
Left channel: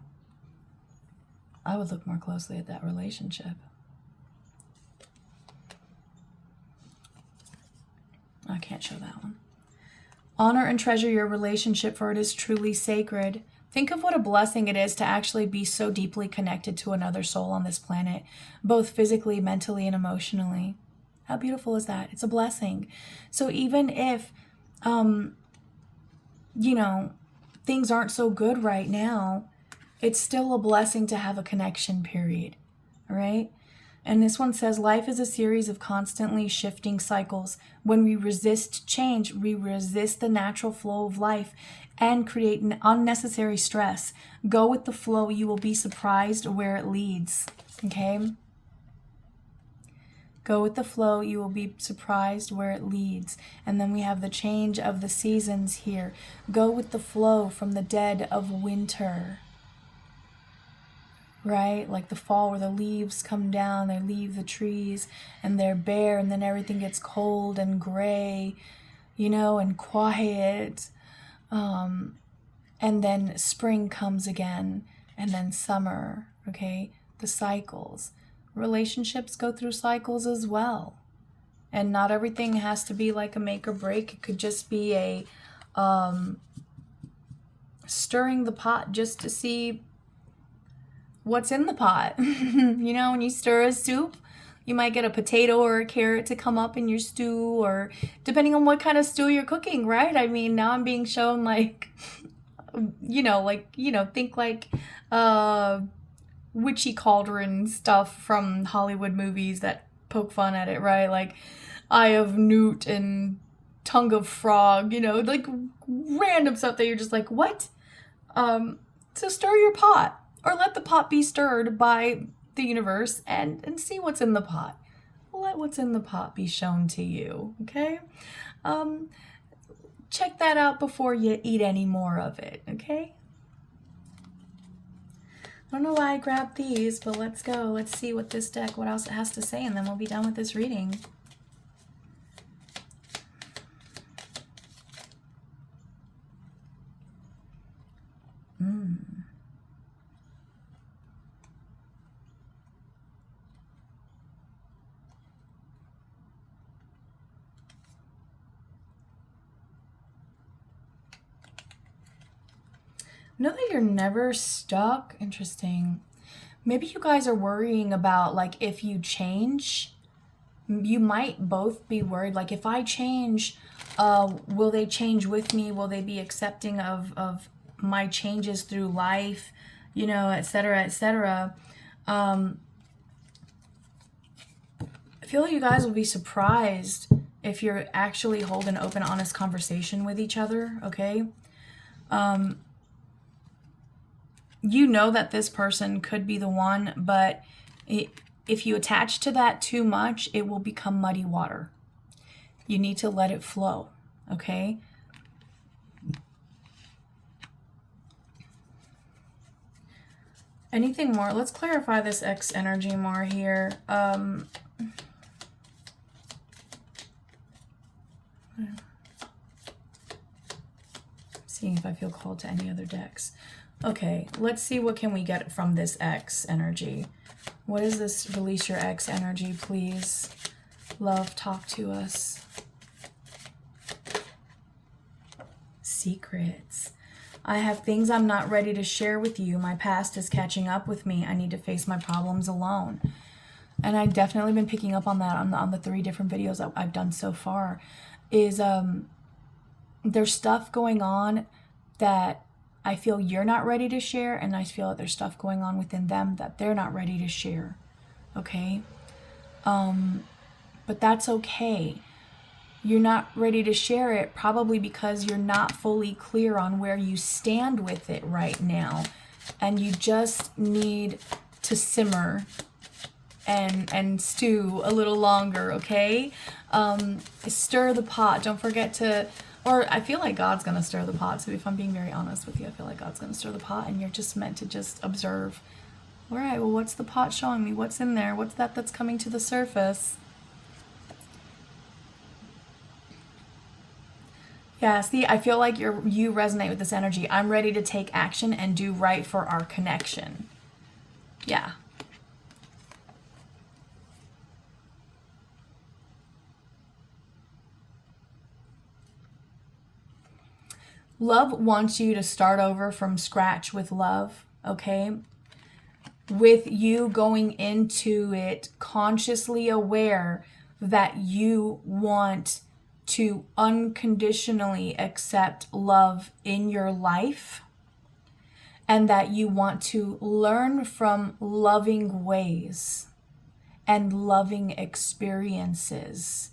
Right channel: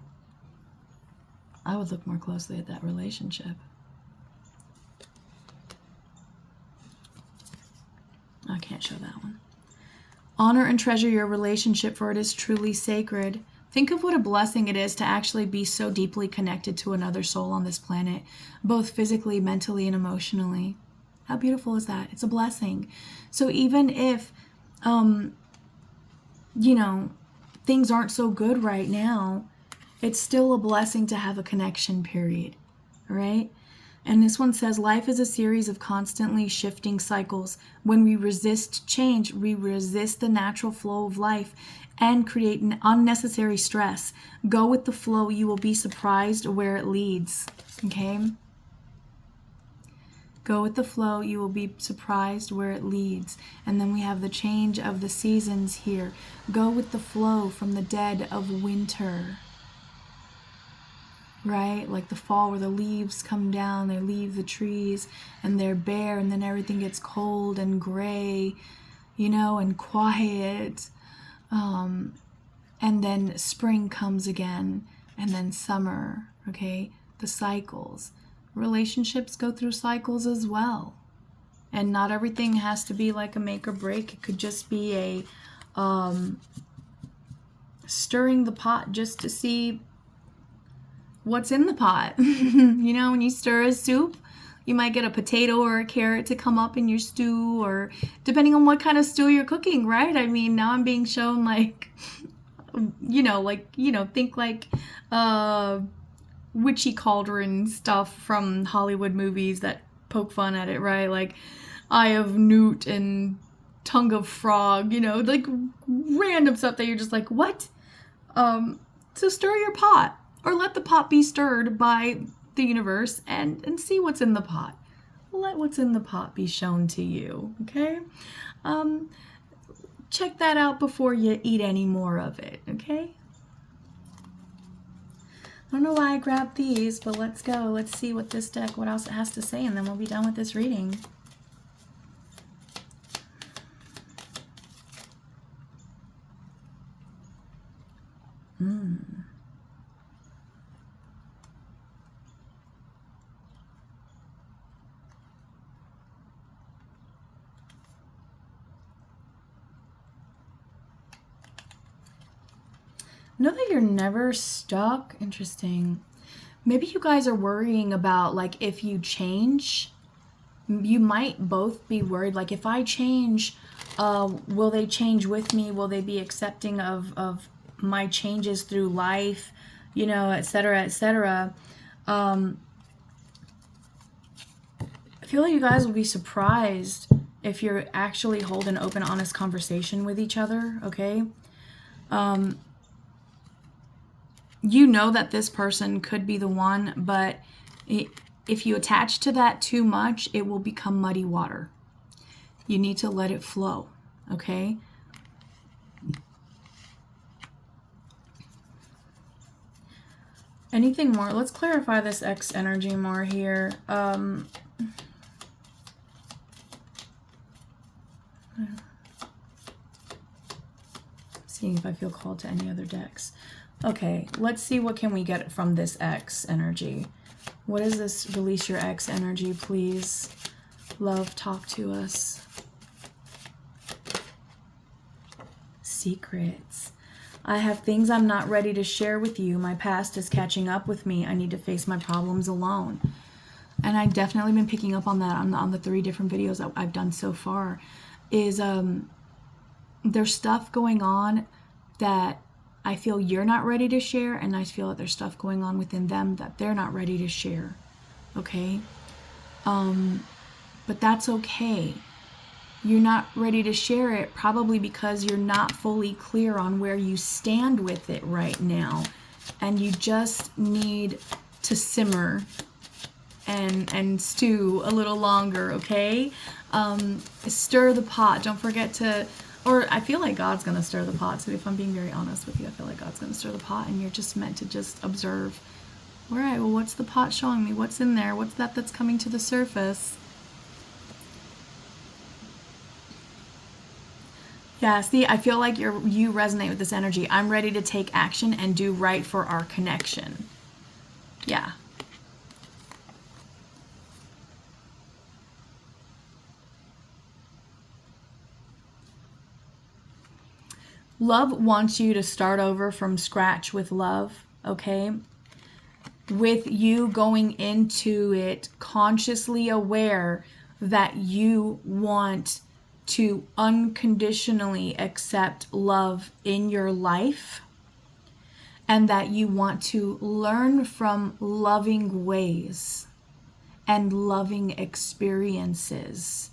I would look more closely at that relationship. I can't show that one. Honor and treasure your relationship, for it is truly sacred. Think of what a blessing it is to actually be so deeply connected to another soul on this planet, both physically, mentally, and emotionally. How beautiful is that? It's a blessing. So even if, things aren't so good right now, it's still a blessing to have a connection, period. All right? And this one says, life is a series of constantly shifting cycles. When we resist change, we resist the natural flow of life and create an unnecessary stress. Go with the flow. You will be surprised where it leads. Okay? Go with the flow. You will be surprised where it leads. And then we have the change of the seasons here. Go with the flow from the dead of winter. Right? Like the fall where the leaves come down, they leave the trees and they're bare, and then everything gets cold and gray, and quiet. And then spring comes again, and then summer, okay? The cycles. Relationships go through cycles as well. And not everything has to be like a make or break. It could just be a stirring the pot just to see what's in the pot. When you stir a soup, you might get a potato or a carrot to come up in your stew, or depending on what kind of stew you're cooking, right? I mean, now I'm being shown like, think like witchy cauldron stuff from Hollywood movies that poke fun at it, right? Like Eye of Newt and Tongue of Frog, like random stuff that you're just like, what? So stir your pot. Or let the pot be stirred by the universe and see what's in the pot. Let what's in the pot be shown to you, okay? Check that out before you eat any more of it, okay? I don't know why I grabbed these, but let's go. Let's see what this deck, what else it has to say, and then we'll be done with this reading. Know that you're never stuck. Interesting. Maybe you guys are worrying about, like, if you change, you might both be worried, like, if I change, will they change with me? Will they be accepting of my changes through life, you know, etc., etc. I feel like you guys will be surprised if you're actually holding an open, honest conversation with each other, okay? You know that this person could be the one, but if you attach to that too much, it will become muddy water. You need to let it flow, okay? Anything more? Let's clarify this X energy more here. Seeing if I feel called to any other decks. Okay, let's see what can we get from this X energy. What is this? Release your X energy, please. Love, talk to us. Secrets. I have things I'm not ready to share with you. My past is catching up with me. I need to face my problems alone. And I've definitely been picking up on that on the 3 different videos that I've done so far. Is there's stuff going on that I feel you're not ready to share, and I feel that there's stuff going on within them that they're not ready to share. Okay? But that's okay. You're not ready to share it probably because you're not fully clear on where you stand with it right now. And you just need to simmer and stew a little longer, okay? Stir the pot. Don't forget to, or I feel like God's going to stir the pot. So if I'm being very honest with you, I feel like God's going to stir the pot, and you're just meant to just observe. All right, well, what's the pot showing me? What's in there? What's that's coming to the surface? Yeah, see, I feel like you resonate with this energy. I'm ready to take action and do right for our connection. Yeah. Love wants you to start over from scratch with love, okay? With you going into it consciously aware that you want to unconditionally accept love in your life, and that you want to learn from loving ways and loving experiences.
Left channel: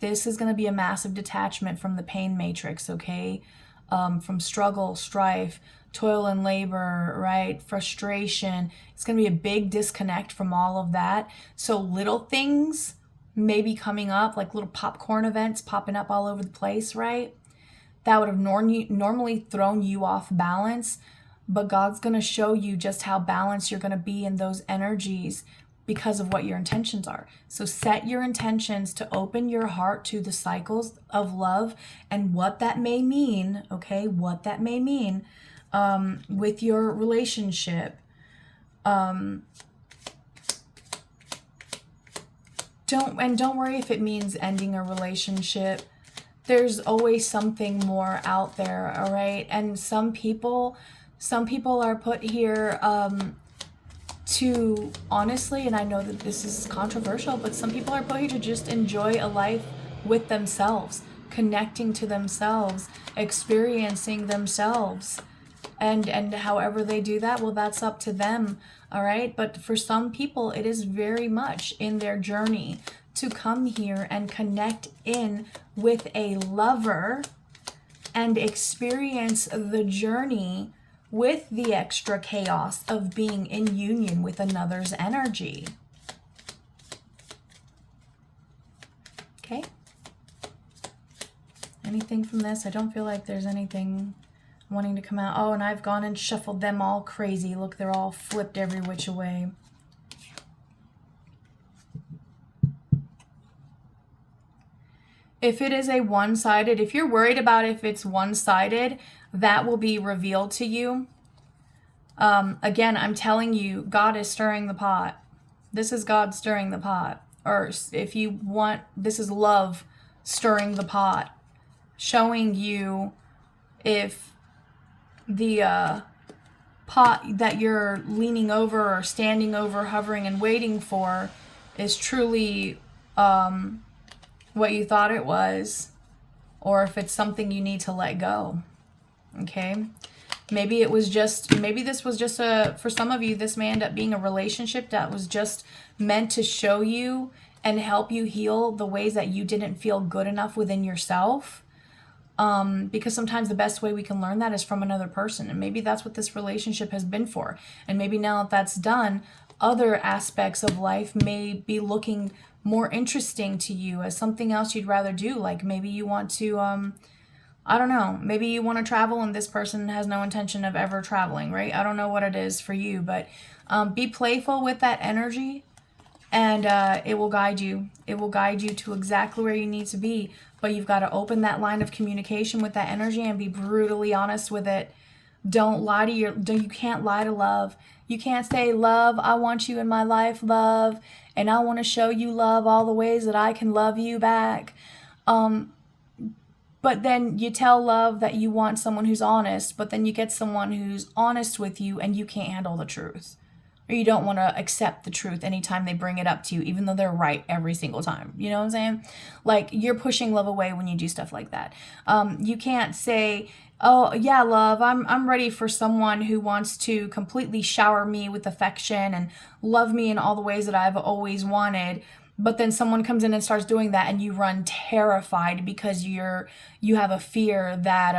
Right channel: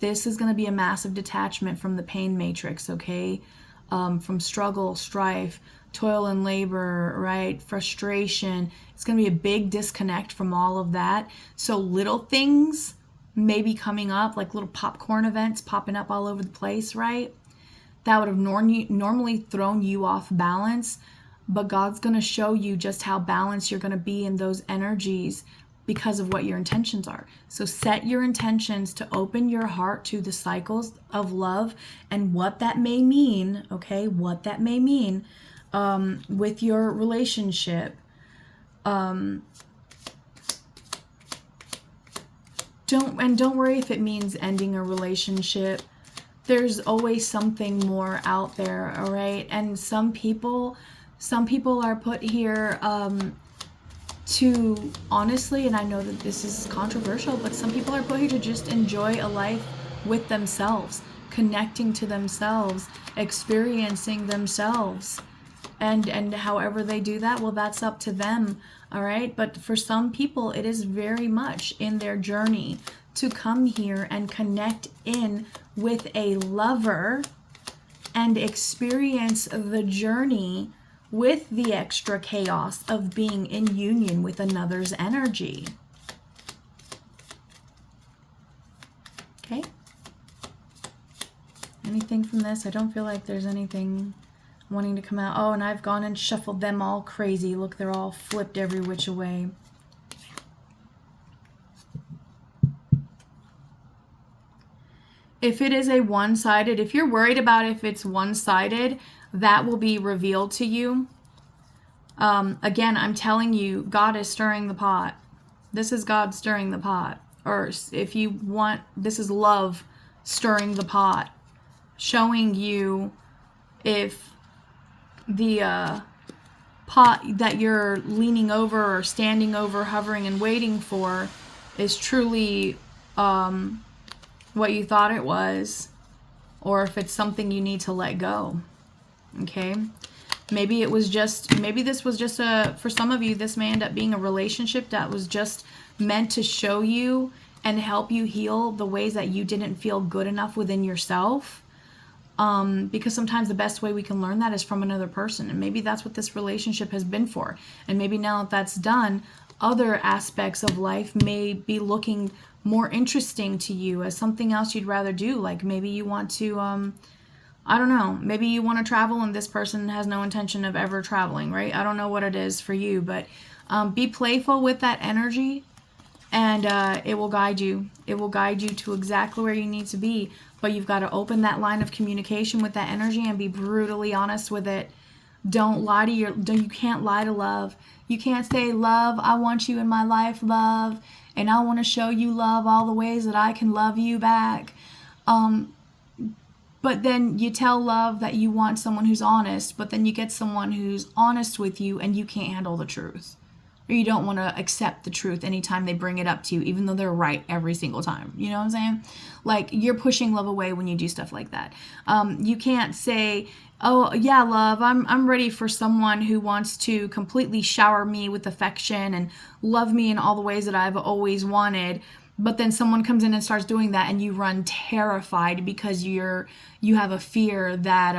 This is going to be a massive detachment from the pain matrix, okay? From struggle, strife, toil and labor, right? Frustration. It's going to be a big disconnect from all of that. So little things may be coming up, like little popcorn events popping up all over the place, right? That would have normally thrown you off balance, but God's going to show you just how balanced you're going to be in those energies because of what your intentions are. So set your intentions to open your heart to the cycles of love and what that may mean, okay? What that may mean with your relationship. Don't worry if it means ending a relationship. There's always something more out there, all right? And some people are put here to, honestly, and I know that this is controversial, but some people are put here to just enjoy a life with themselves, connecting to themselves, experiencing themselves. And however they do that, well, that's up to them, all right? But for some people, it is very much in their journey to come here and connect in with a lover and experience the journey with the extra chaos of being in union with another's energy. Okay? Anything from this? I don't feel like there's anything wanting to come out. Oh, and I've gone and shuffled them all crazy. Look, they're all flipped every which way. If it is a one-sided, if you're worried about if it's one-sided, that will be revealed to you. Again, I'm telling you, God is stirring the pot. This is God stirring the pot. Or if you want, this is love stirring the pot. Showing you if the pot that you're leaning over or standing over, hovering and waiting for is truly what you thought it was, or if it's something you need to let go. Okay? Maybe this was just for some of you, this may end up being a relationship that was just meant to show you and help you heal the ways that you didn't feel good enough within yourself. Because sometimes the best way we can learn that is from another person. And maybe that's what this relationship has been for. And maybe now that that's done, other aspects of life may be looking more interesting to you as something else you'd rather do. Like maybe you want to, I don't know, maybe you want to travel and this person has no intention of ever traveling, right? I don't know what it is for you, but be playful with that energy, and it will guide you. It will guide you to exactly where you need to be. But you've got to open that line of communication with that energy and be brutally honest with it. Don't lie to you can't lie to love. You can't say, love, I want you in my life, love, and I want to show you love all the ways that I can love you back. But then you tell love that you want someone who's honest, but then you get someone who's honest with you and you can't handle the truth. Or you don't want to accept the truth anytime they bring it up to you, even though they're right every single time. You know what I'm saying? Like, you're pushing love away when you do stuff like that. You can't say, oh, yeah, love, I'm ready for someone who wants to completely shower me with affection and love me in all the ways that I've always wanted. But then someone comes in and starts doing that and you run terrified because you have a fear that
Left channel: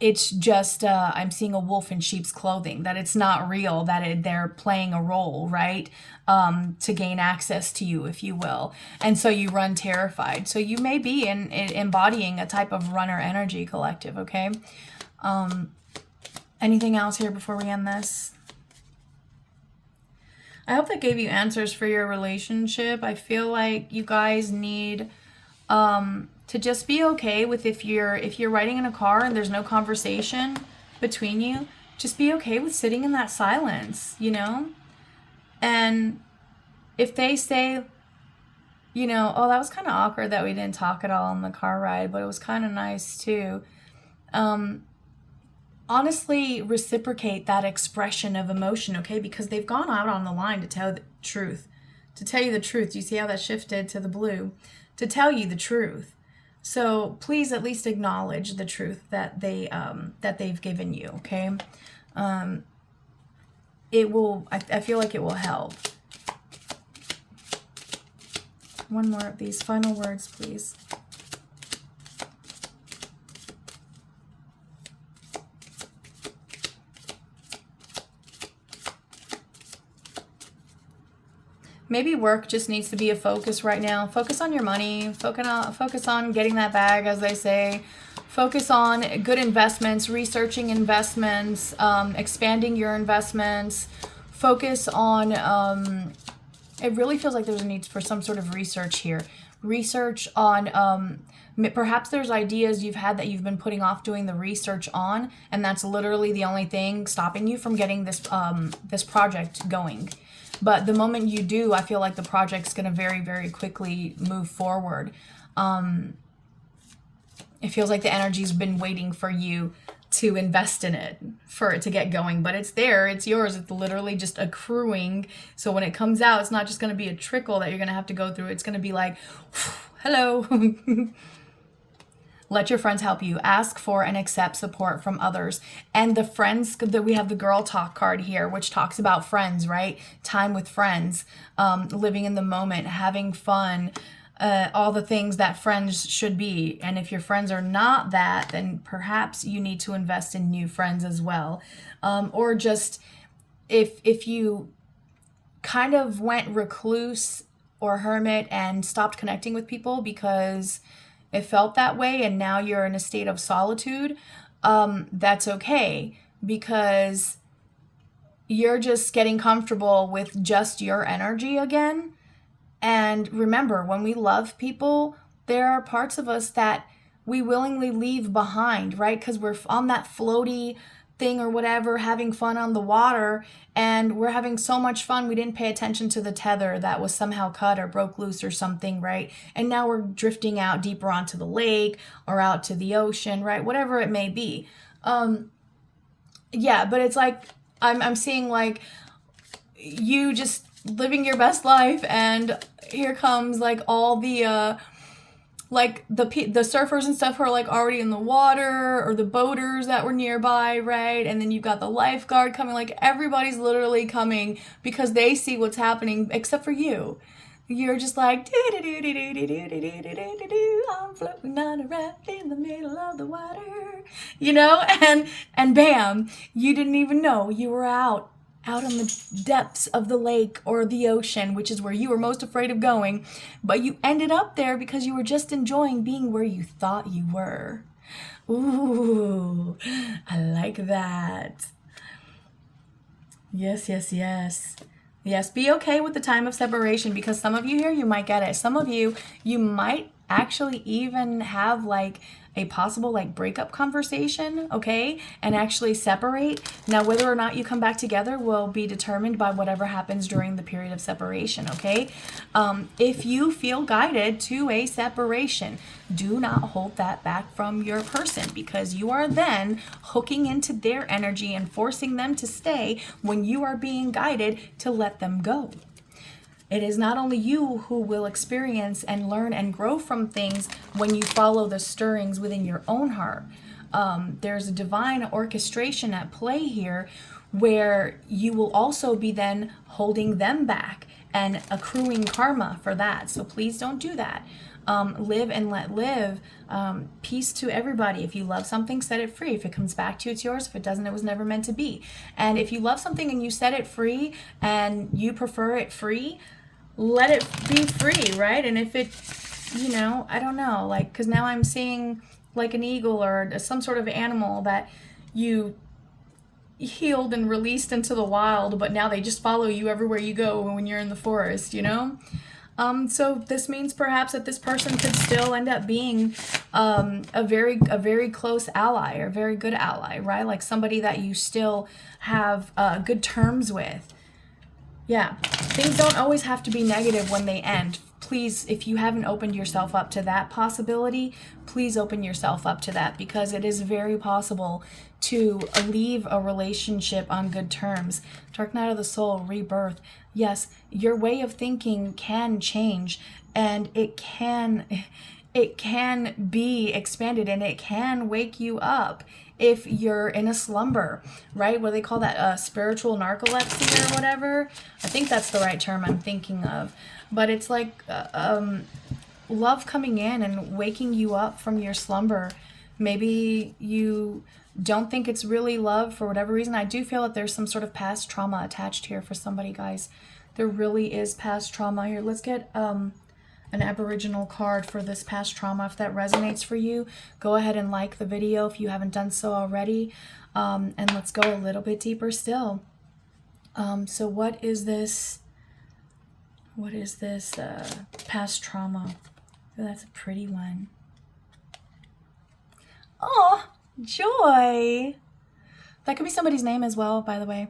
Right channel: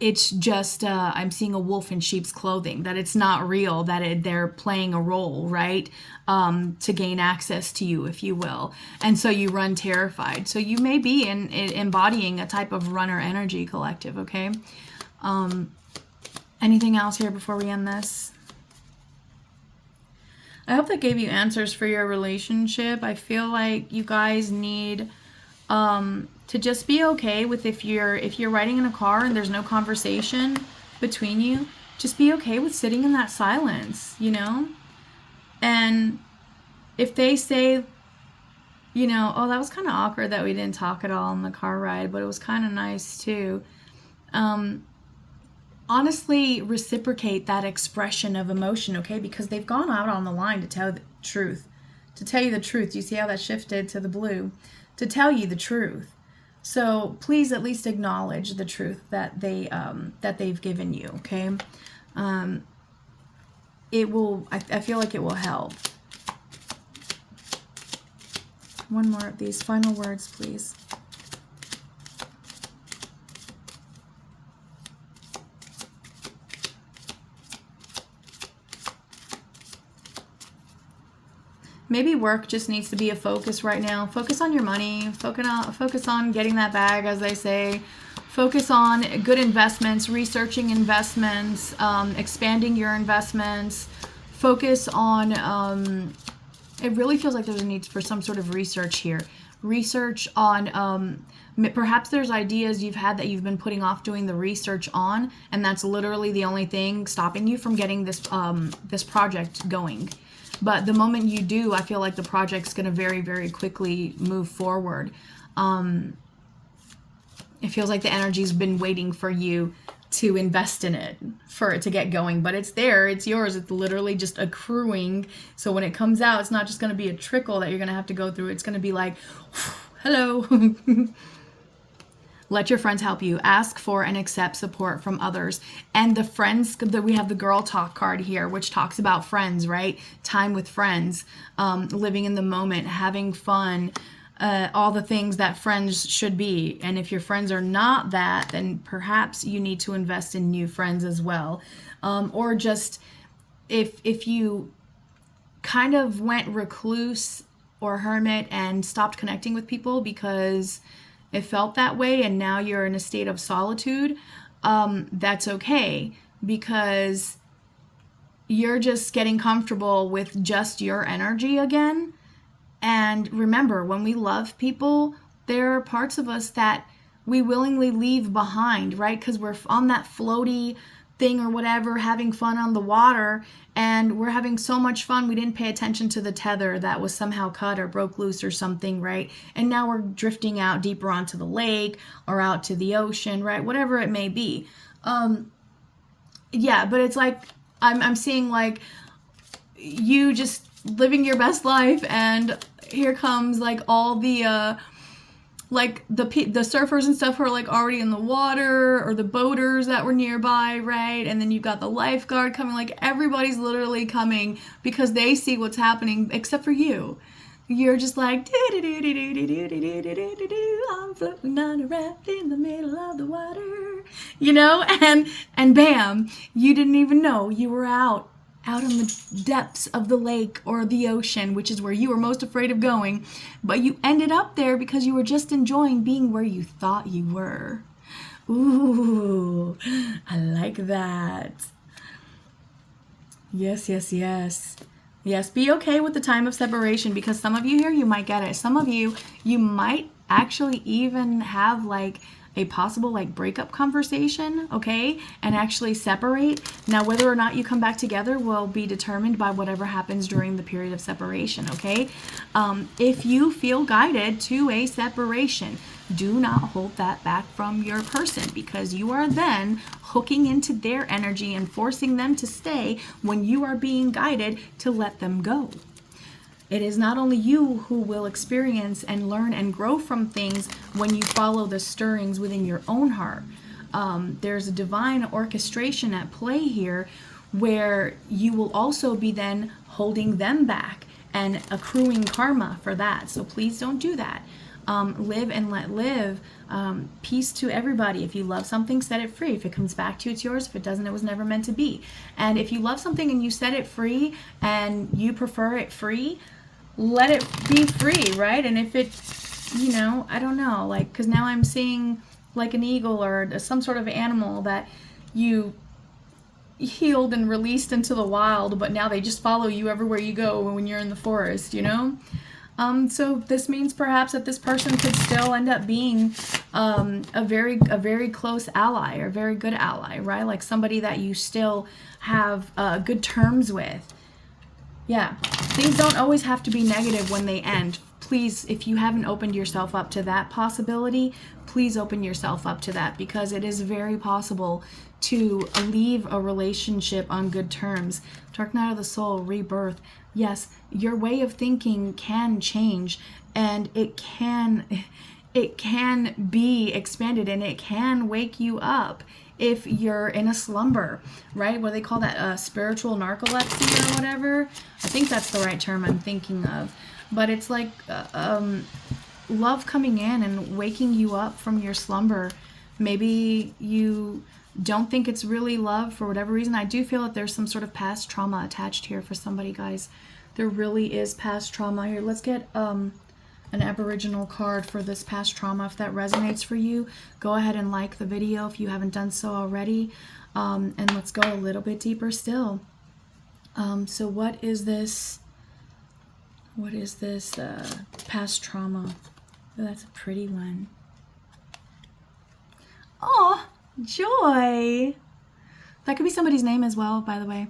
it's just, I'm seeing a wolf in sheep's clothing, that it's not real, that they're playing a role, right? To gain access to you, if you will. And so you run terrified. So you may be embodying a type of runner energy collective, okay? Anything else here before we end this? I hope that gave you answers for your relationship. I feel like you guys need to just be okay with if you're riding in a car and there's no conversation between you, just be okay with sitting in that silence, you know? And if they say, you know, oh, that was kind of awkward that we didn't talk at all on the car ride, but it was kind of nice too. Honestly, reciprocate that expression of emotion, okay? Because they've gone out on the line to tell the truth. To tell you the truth. Do you see how that shifted to the blue? To tell you the truth. So please at least acknowledge the truth that they've given you, okay? It will, I feel like it will help. One more of these final words, please. Maybe work just needs to be a focus right now. Focus on your money. Focus on getting that bag, as they say. Focus on good investments, researching investments, expanding your investments. Focus on, it really feels like there's a need for some sort of research here. Research on, perhaps there's ideas you've had that you've been putting off doing the research on, and that's literally the only thing stopping you from getting this project going. But the moment you do, I feel like the project's going to very, very quickly move forward. It feels like the energy's been waiting for you to invest in it, for it to get going. But it's there, it's yours, it's literally just accruing. So when it comes out, it's not just going to be a trickle that you're going to have to go through. It's going to be like, hello. Let your friends help you. Ask for and accept support from others. And the friends, we have the girl talk card here, which talks about friends, right? Time with friends, living in the moment, having fun, all the things that friends should be. And if your friends are not that, then perhaps you need to invest in new friends as well. Or just if you kind of went recluse or hermit and stopped connecting with people because it felt that way and now you're in a state of solitude, that's okay, because you're just getting comfortable with just your energy again. And remember, when we love people, there are parts of us that we willingly leave behind, right? Because we're on that floaty thing or whatever, having fun on the water, and we're having so much fun we didn't pay attention to the tether that was somehow cut or broke loose or something, right? And now we're drifting out deeper onto the lake or out to the ocean, right? Whatever it may be. Yeah, but it's like I'm seeing like you just living your best life, and here comes like all the like the surfers and stuff who are like already in the water, or the boaters that were nearby, right? And then you've got the lifeguard coming. Like everybody's literally coming because they see what's happening, except for you. You're just like, I'm floating on a raft in the middle of the water, you know, and bam, you didn't even know you were out in the depths of the lake or the ocean, which is where you were most afraid of going, but you ended up there because you were just enjoying being where you thought you were. Ooh, I like that. Yes, yes, yes. Yes, be okay with the time of separation, because some of you here, you might get it. Some of you might actually even have like a possible like breakup conversation, okay, and actually separate. Now, whether or not you come back together will be determined by whatever happens during the period of separation, okay? If you feel guided to a separation, do not hold that back from your person, because you are then hooking into their energy and forcing them to stay when you are being guided to let them go. It is not only you who will experience and learn and grow from things when you follow the stirrings within your own heart. There's a divine orchestration at play here where you will also be then holding them back and accruing karma for that. So please don't do that. Live and let live. Peace to everybody. If you love something, set it free. If it comes back to you, it's yours. If it doesn't, it was never meant to be. And if you love something and you set it free and you prefer it free, let it be free, right? And if it, you know, I don't know, like, because now I'm seeing like an eagle or some sort of animal that you healed and released into the wild, but now they just follow you everywhere you go when you're in the forest, you know? So this means perhaps that this person could still end up being a very close ally, or a very good ally, right? Like somebody that you still have good terms with. Yeah, things don't always have to be negative when they end. Please, if you haven't opened yourself up to that possibility, please open yourself up to that, because it is very possible to leave a relationship on good terms. Dark night of the soul, rebirth. Yes, your way of thinking can change, and it can be expanded, and it can wake you up if you're in a slumber, right? What they call that spiritual narcolepsy or whatever. I think that's the right term I'm thinking of. But it's like love coming in and waking you up from your slumber. Maybe you don't think it's really love for whatever reason. I do feel that there's some sort of past trauma attached here for somebody, guys. There really is past trauma here. Let's get an Aboriginal card for this past trauma. If that resonates for you, go ahead and like the video if you haven't done so already. And let's go a little bit deeper still. So what is this? What is this past trauma? Oh, that's a pretty one. Oh, joy. That could be somebody's name as well, by the way.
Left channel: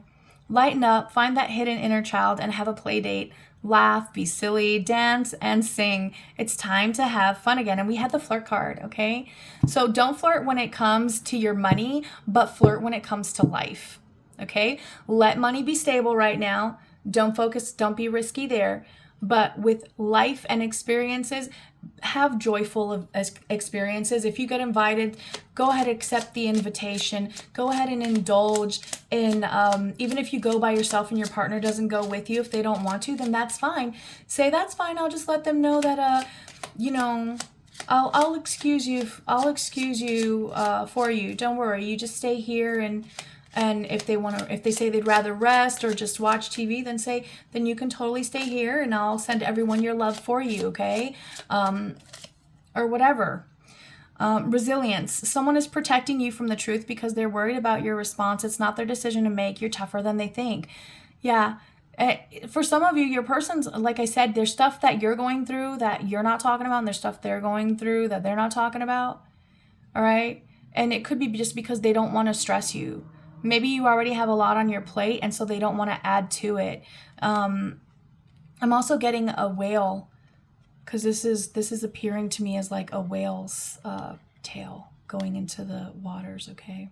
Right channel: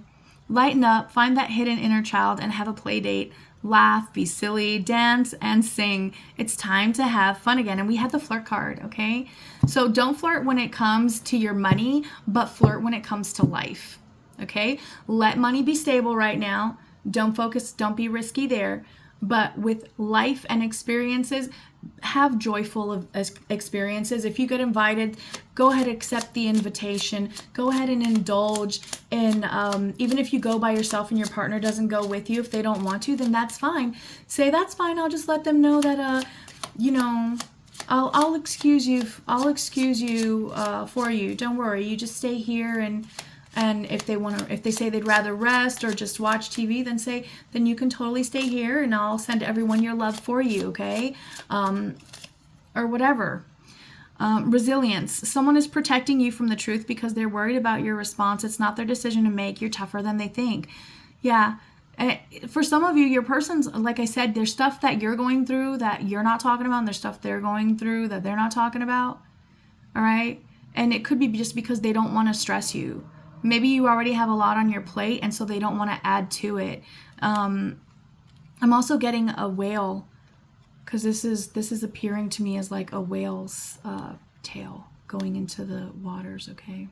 Lighten up, find that hidden inner child and have a play date. Laugh, be silly, dance, and sing. It's time to have fun again. And we had the flirt card, okay? So don't flirt when it comes to your money, but flirt when it comes to life, okay? Let money be stable right now. Don't focus, don't be risky there. But with life and experiences, have joyful experiences. If you get invited, go ahead and accept the invitation. Go ahead and indulge in, even if you go by yourself and your partner doesn't go with you, if they don't want to, then that's fine. Say, that's fine. I'll just let them know that, you know, I'll excuse you. I'll excuse you for you. Don't worry. You just stay here, and if they say they'd rather rest or just watch TV, then you can totally stay here, and I'll send everyone your love for you, okay? Or whatever. Resilience. Someone is protecting you from the truth because they're worried about your response. It's not their decision to make. You're tougher than they think. Yeah. For some of you, your person's, like I said, there's stuff that you're going through that you're not talking about, and there's stuff they're going through that they're not talking about. All right? And it could be just because they don't want to stress you. Maybe you already have a lot on your plate, and so they don't want to add to it. I'm also getting a whale, because this is appearing to me as like a whale's tail going into the waters, okay?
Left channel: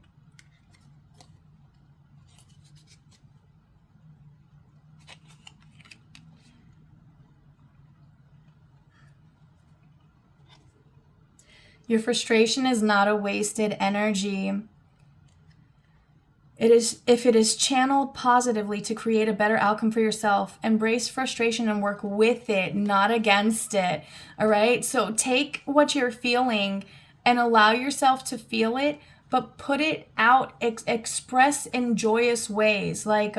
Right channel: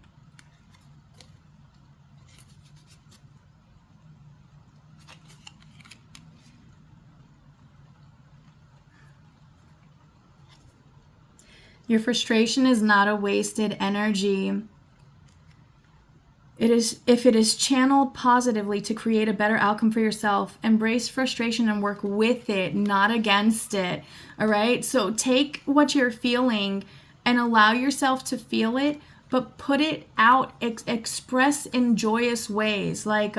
Your frustration is not a wasted energy. It is, if it is channeled positively to create a better outcome for yourself, embrace frustration and work with it, not against it. All right? So take what you're feeling and allow yourself to feel it, but put it out, express in joyous ways. Like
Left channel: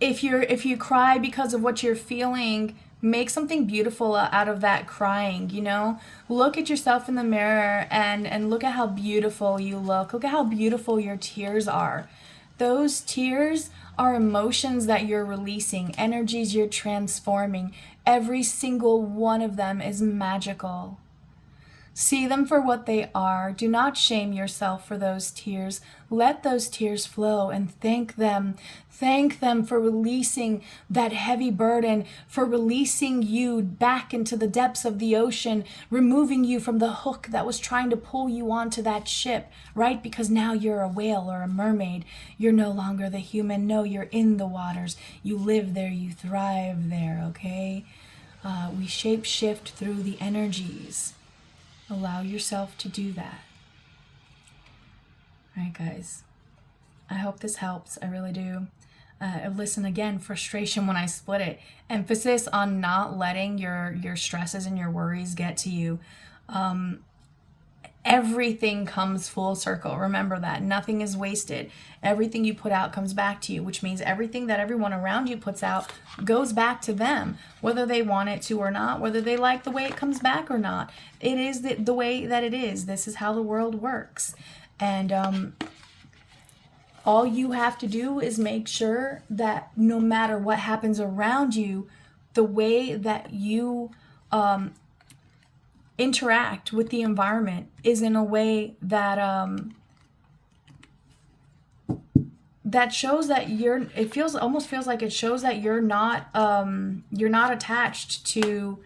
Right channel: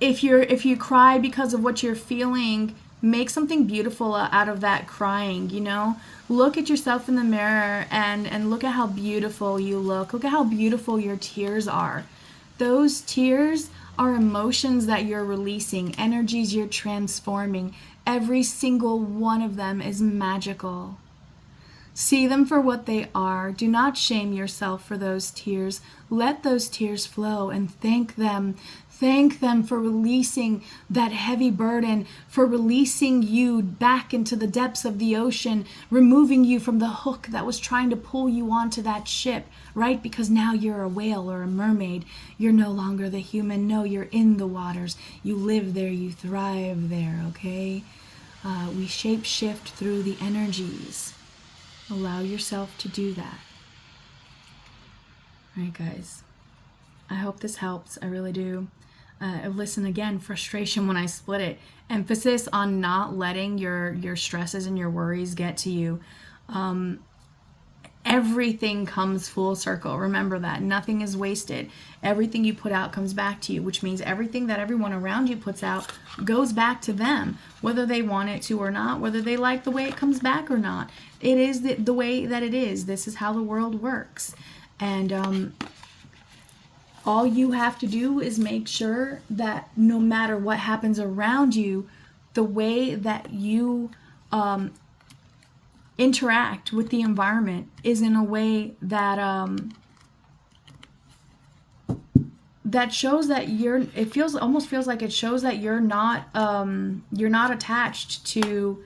if you cry because of what you're feeling, make something beautiful out of that crying, you know? Look at yourself in the mirror and look at how beautiful you look. Look at how beautiful your tears are. Those tears are emotions that you're releasing, energies you're transforming. Every single one of them is magical. See them for what they are. Do not shame yourself for those tears. Let those tears flow and thank them. Thank them for releasing that heavy burden, for releasing you back into the depths of the ocean, removing you from the hook that was trying to pull you onto that ship, right? Because now you're a whale or a mermaid. You're no longer the human. No, you're in the waters. You live there. You thrive there, okay? We shape shift through the energies. Allow yourself to do that. All right, guys. I hope this helps. I really do. Listen again, frustration when I split it. Emphasis on not letting your stresses and your worries get to you. Everything comes full circle. Remember that. Nothing is wasted. Everything you put out comes back to you, which means everything that everyone around you puts out goes back to them, whether they want it to or not, whether they like the way it comes back or not. It is the way that it is. This is how the world works. And all you have to do is make sure that no matter what happens around you, the way that you interact with the environment is in a way that that shows that almost feels like it shows that you're not attached to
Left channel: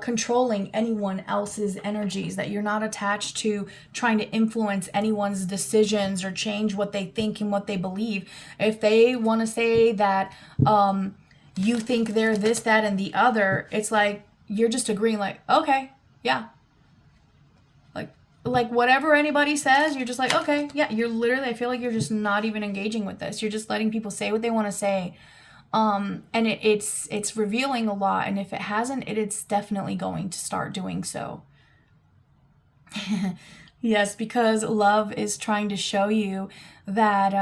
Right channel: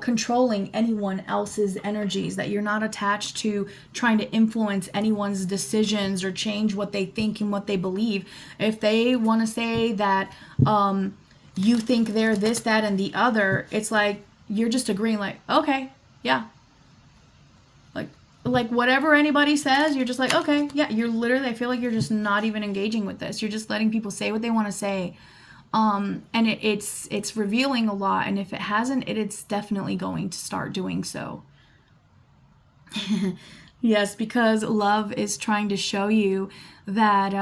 controlling anyone else's energies, that you're not attached to trying to influence anyone's decisions or change what they think and what they believe. If they want to say that you think they're this, that, and the other, it's like you're just agreeing, like, okay, yeah. Like whatever anybody says, you're just like, okay, yeah. You're literally, I feel like you're just not even engaging with this. You're just letting people say what they want to say. And it's revealing a lot. And if it hasn't, it's definitely going to start doing so. Yes, because love is trying to show you that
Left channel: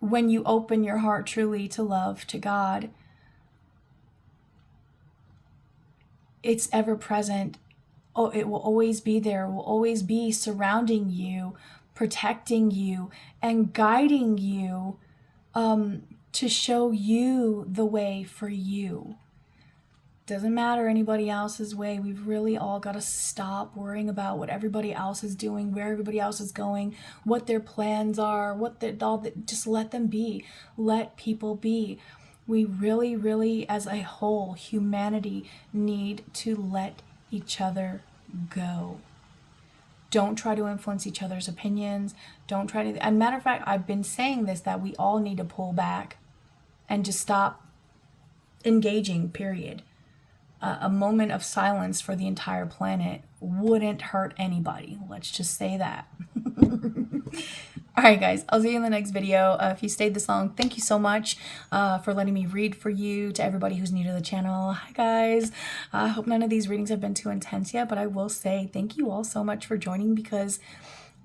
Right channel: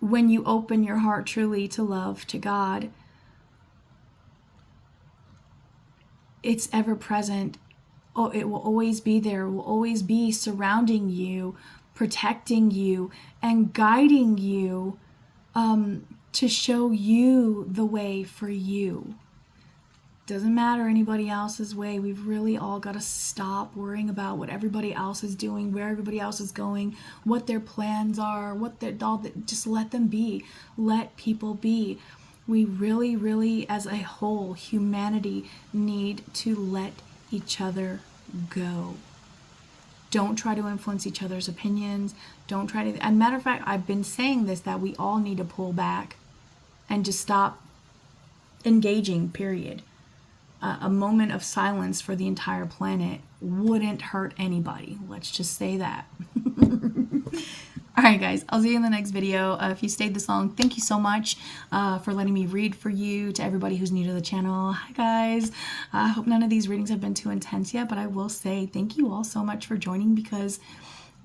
when you open your heart truly to love, to God, it's ever present. Oh, it will always be there. It will always be surrounding you, protecting you, and guiding you to show you the way for you. Doesn't matter anybody else's way. We've really all got to stop worrying about what everybody else is doing, where everybody else is going, what their plans are, just let them be. Let people be. We really, really, as a whole, humanity, need to let each other go. Don't try to influence each other's opinions. Don't try to, as a matter of fact, I've been saying this, that we all need to pull back and just stop engaging, period. A moment of silence for the entire planet wouldn't hurt anybody. Let's just say that. All right, guys, I'll see you in the next video. If you stayed this long, thank you so much for letting me read for you. To everybody who's new to the channel, hi, guys. I hope none of these readings have been too intense yet, but I will say thank you all so much for joining, because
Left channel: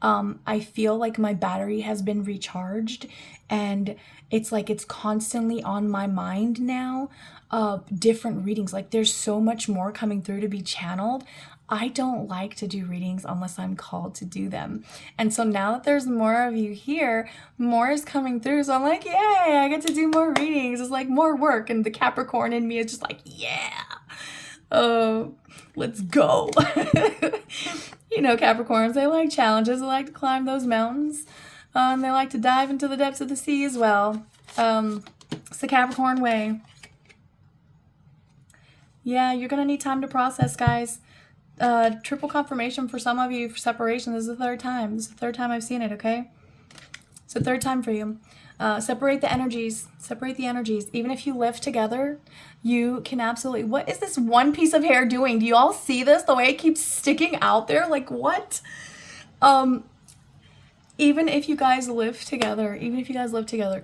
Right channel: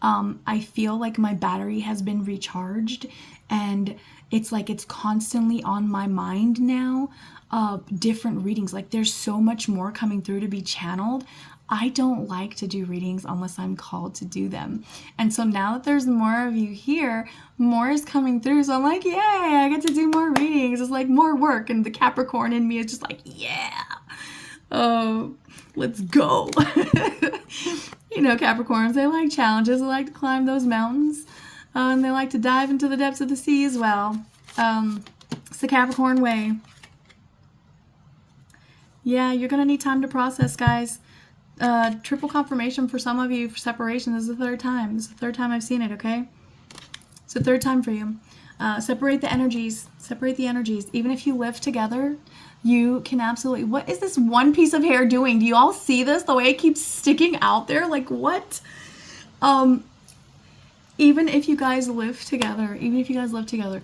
I feel like my battery has been recharged, and it's like it's constantly on my mind now. Different readings, like there's so much more coming through to be channeled. I don't like to do readings unless I'm called to do them. And so now that there's more of you here, more is coming through. So I'm like, yay, I get to do more readings. It's like more work. And the Capricorn in me is just like, yeah, let's go. know, Capricorns, they like challenges. They like to climb those mountains. And they like to dive into the depths of the sea as well. It's the Capricorn way. Yeah, you're going to need time to process, guys. Triple confirmation for some of you for separation. This is the third time. This is the third time I've seen it, okay? It's the third time for you. Separate the energies. Separate the energies. Even if you live together, you can absolutely... What is this one piece of hair doing? Do you all see this? The way it keeps sticking out there? Like, what? Even if you guys live together,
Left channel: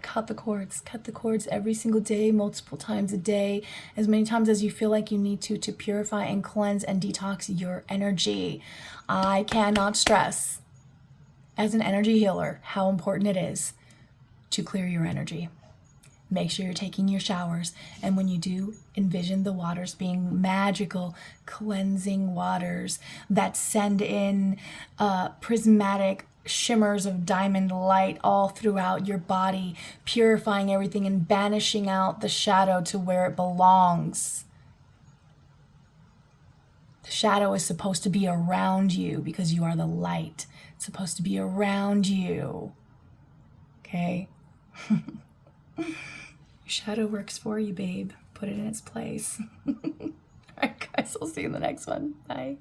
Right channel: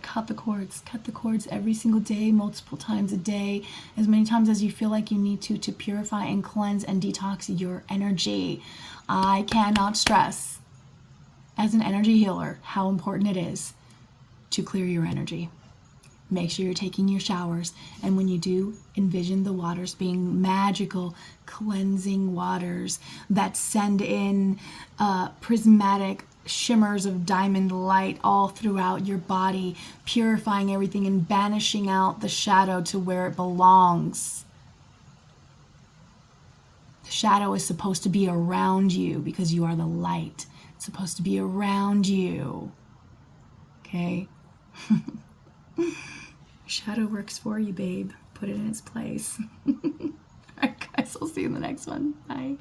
cut the cords. Cut the cords every single day, multiple times a day, as many times as you feel like you need to purify and cleanse and detox your energy. I cannot stress, as an energy healer, how important it is to clear your energy. Make sure you're taking your showers, and when you do, envision the waters being magical, cleansing waters that send in prismatic shimmers of diamond light all throughout your body, purifying everything and banishing out the shadow to where it belongs. The shadow is supposed to be around you because you are the light. It's supposed to be around you. Okay? Shadow works for you, babe. Put it in its place. All right, guys, we'll see you in the next one. Bye.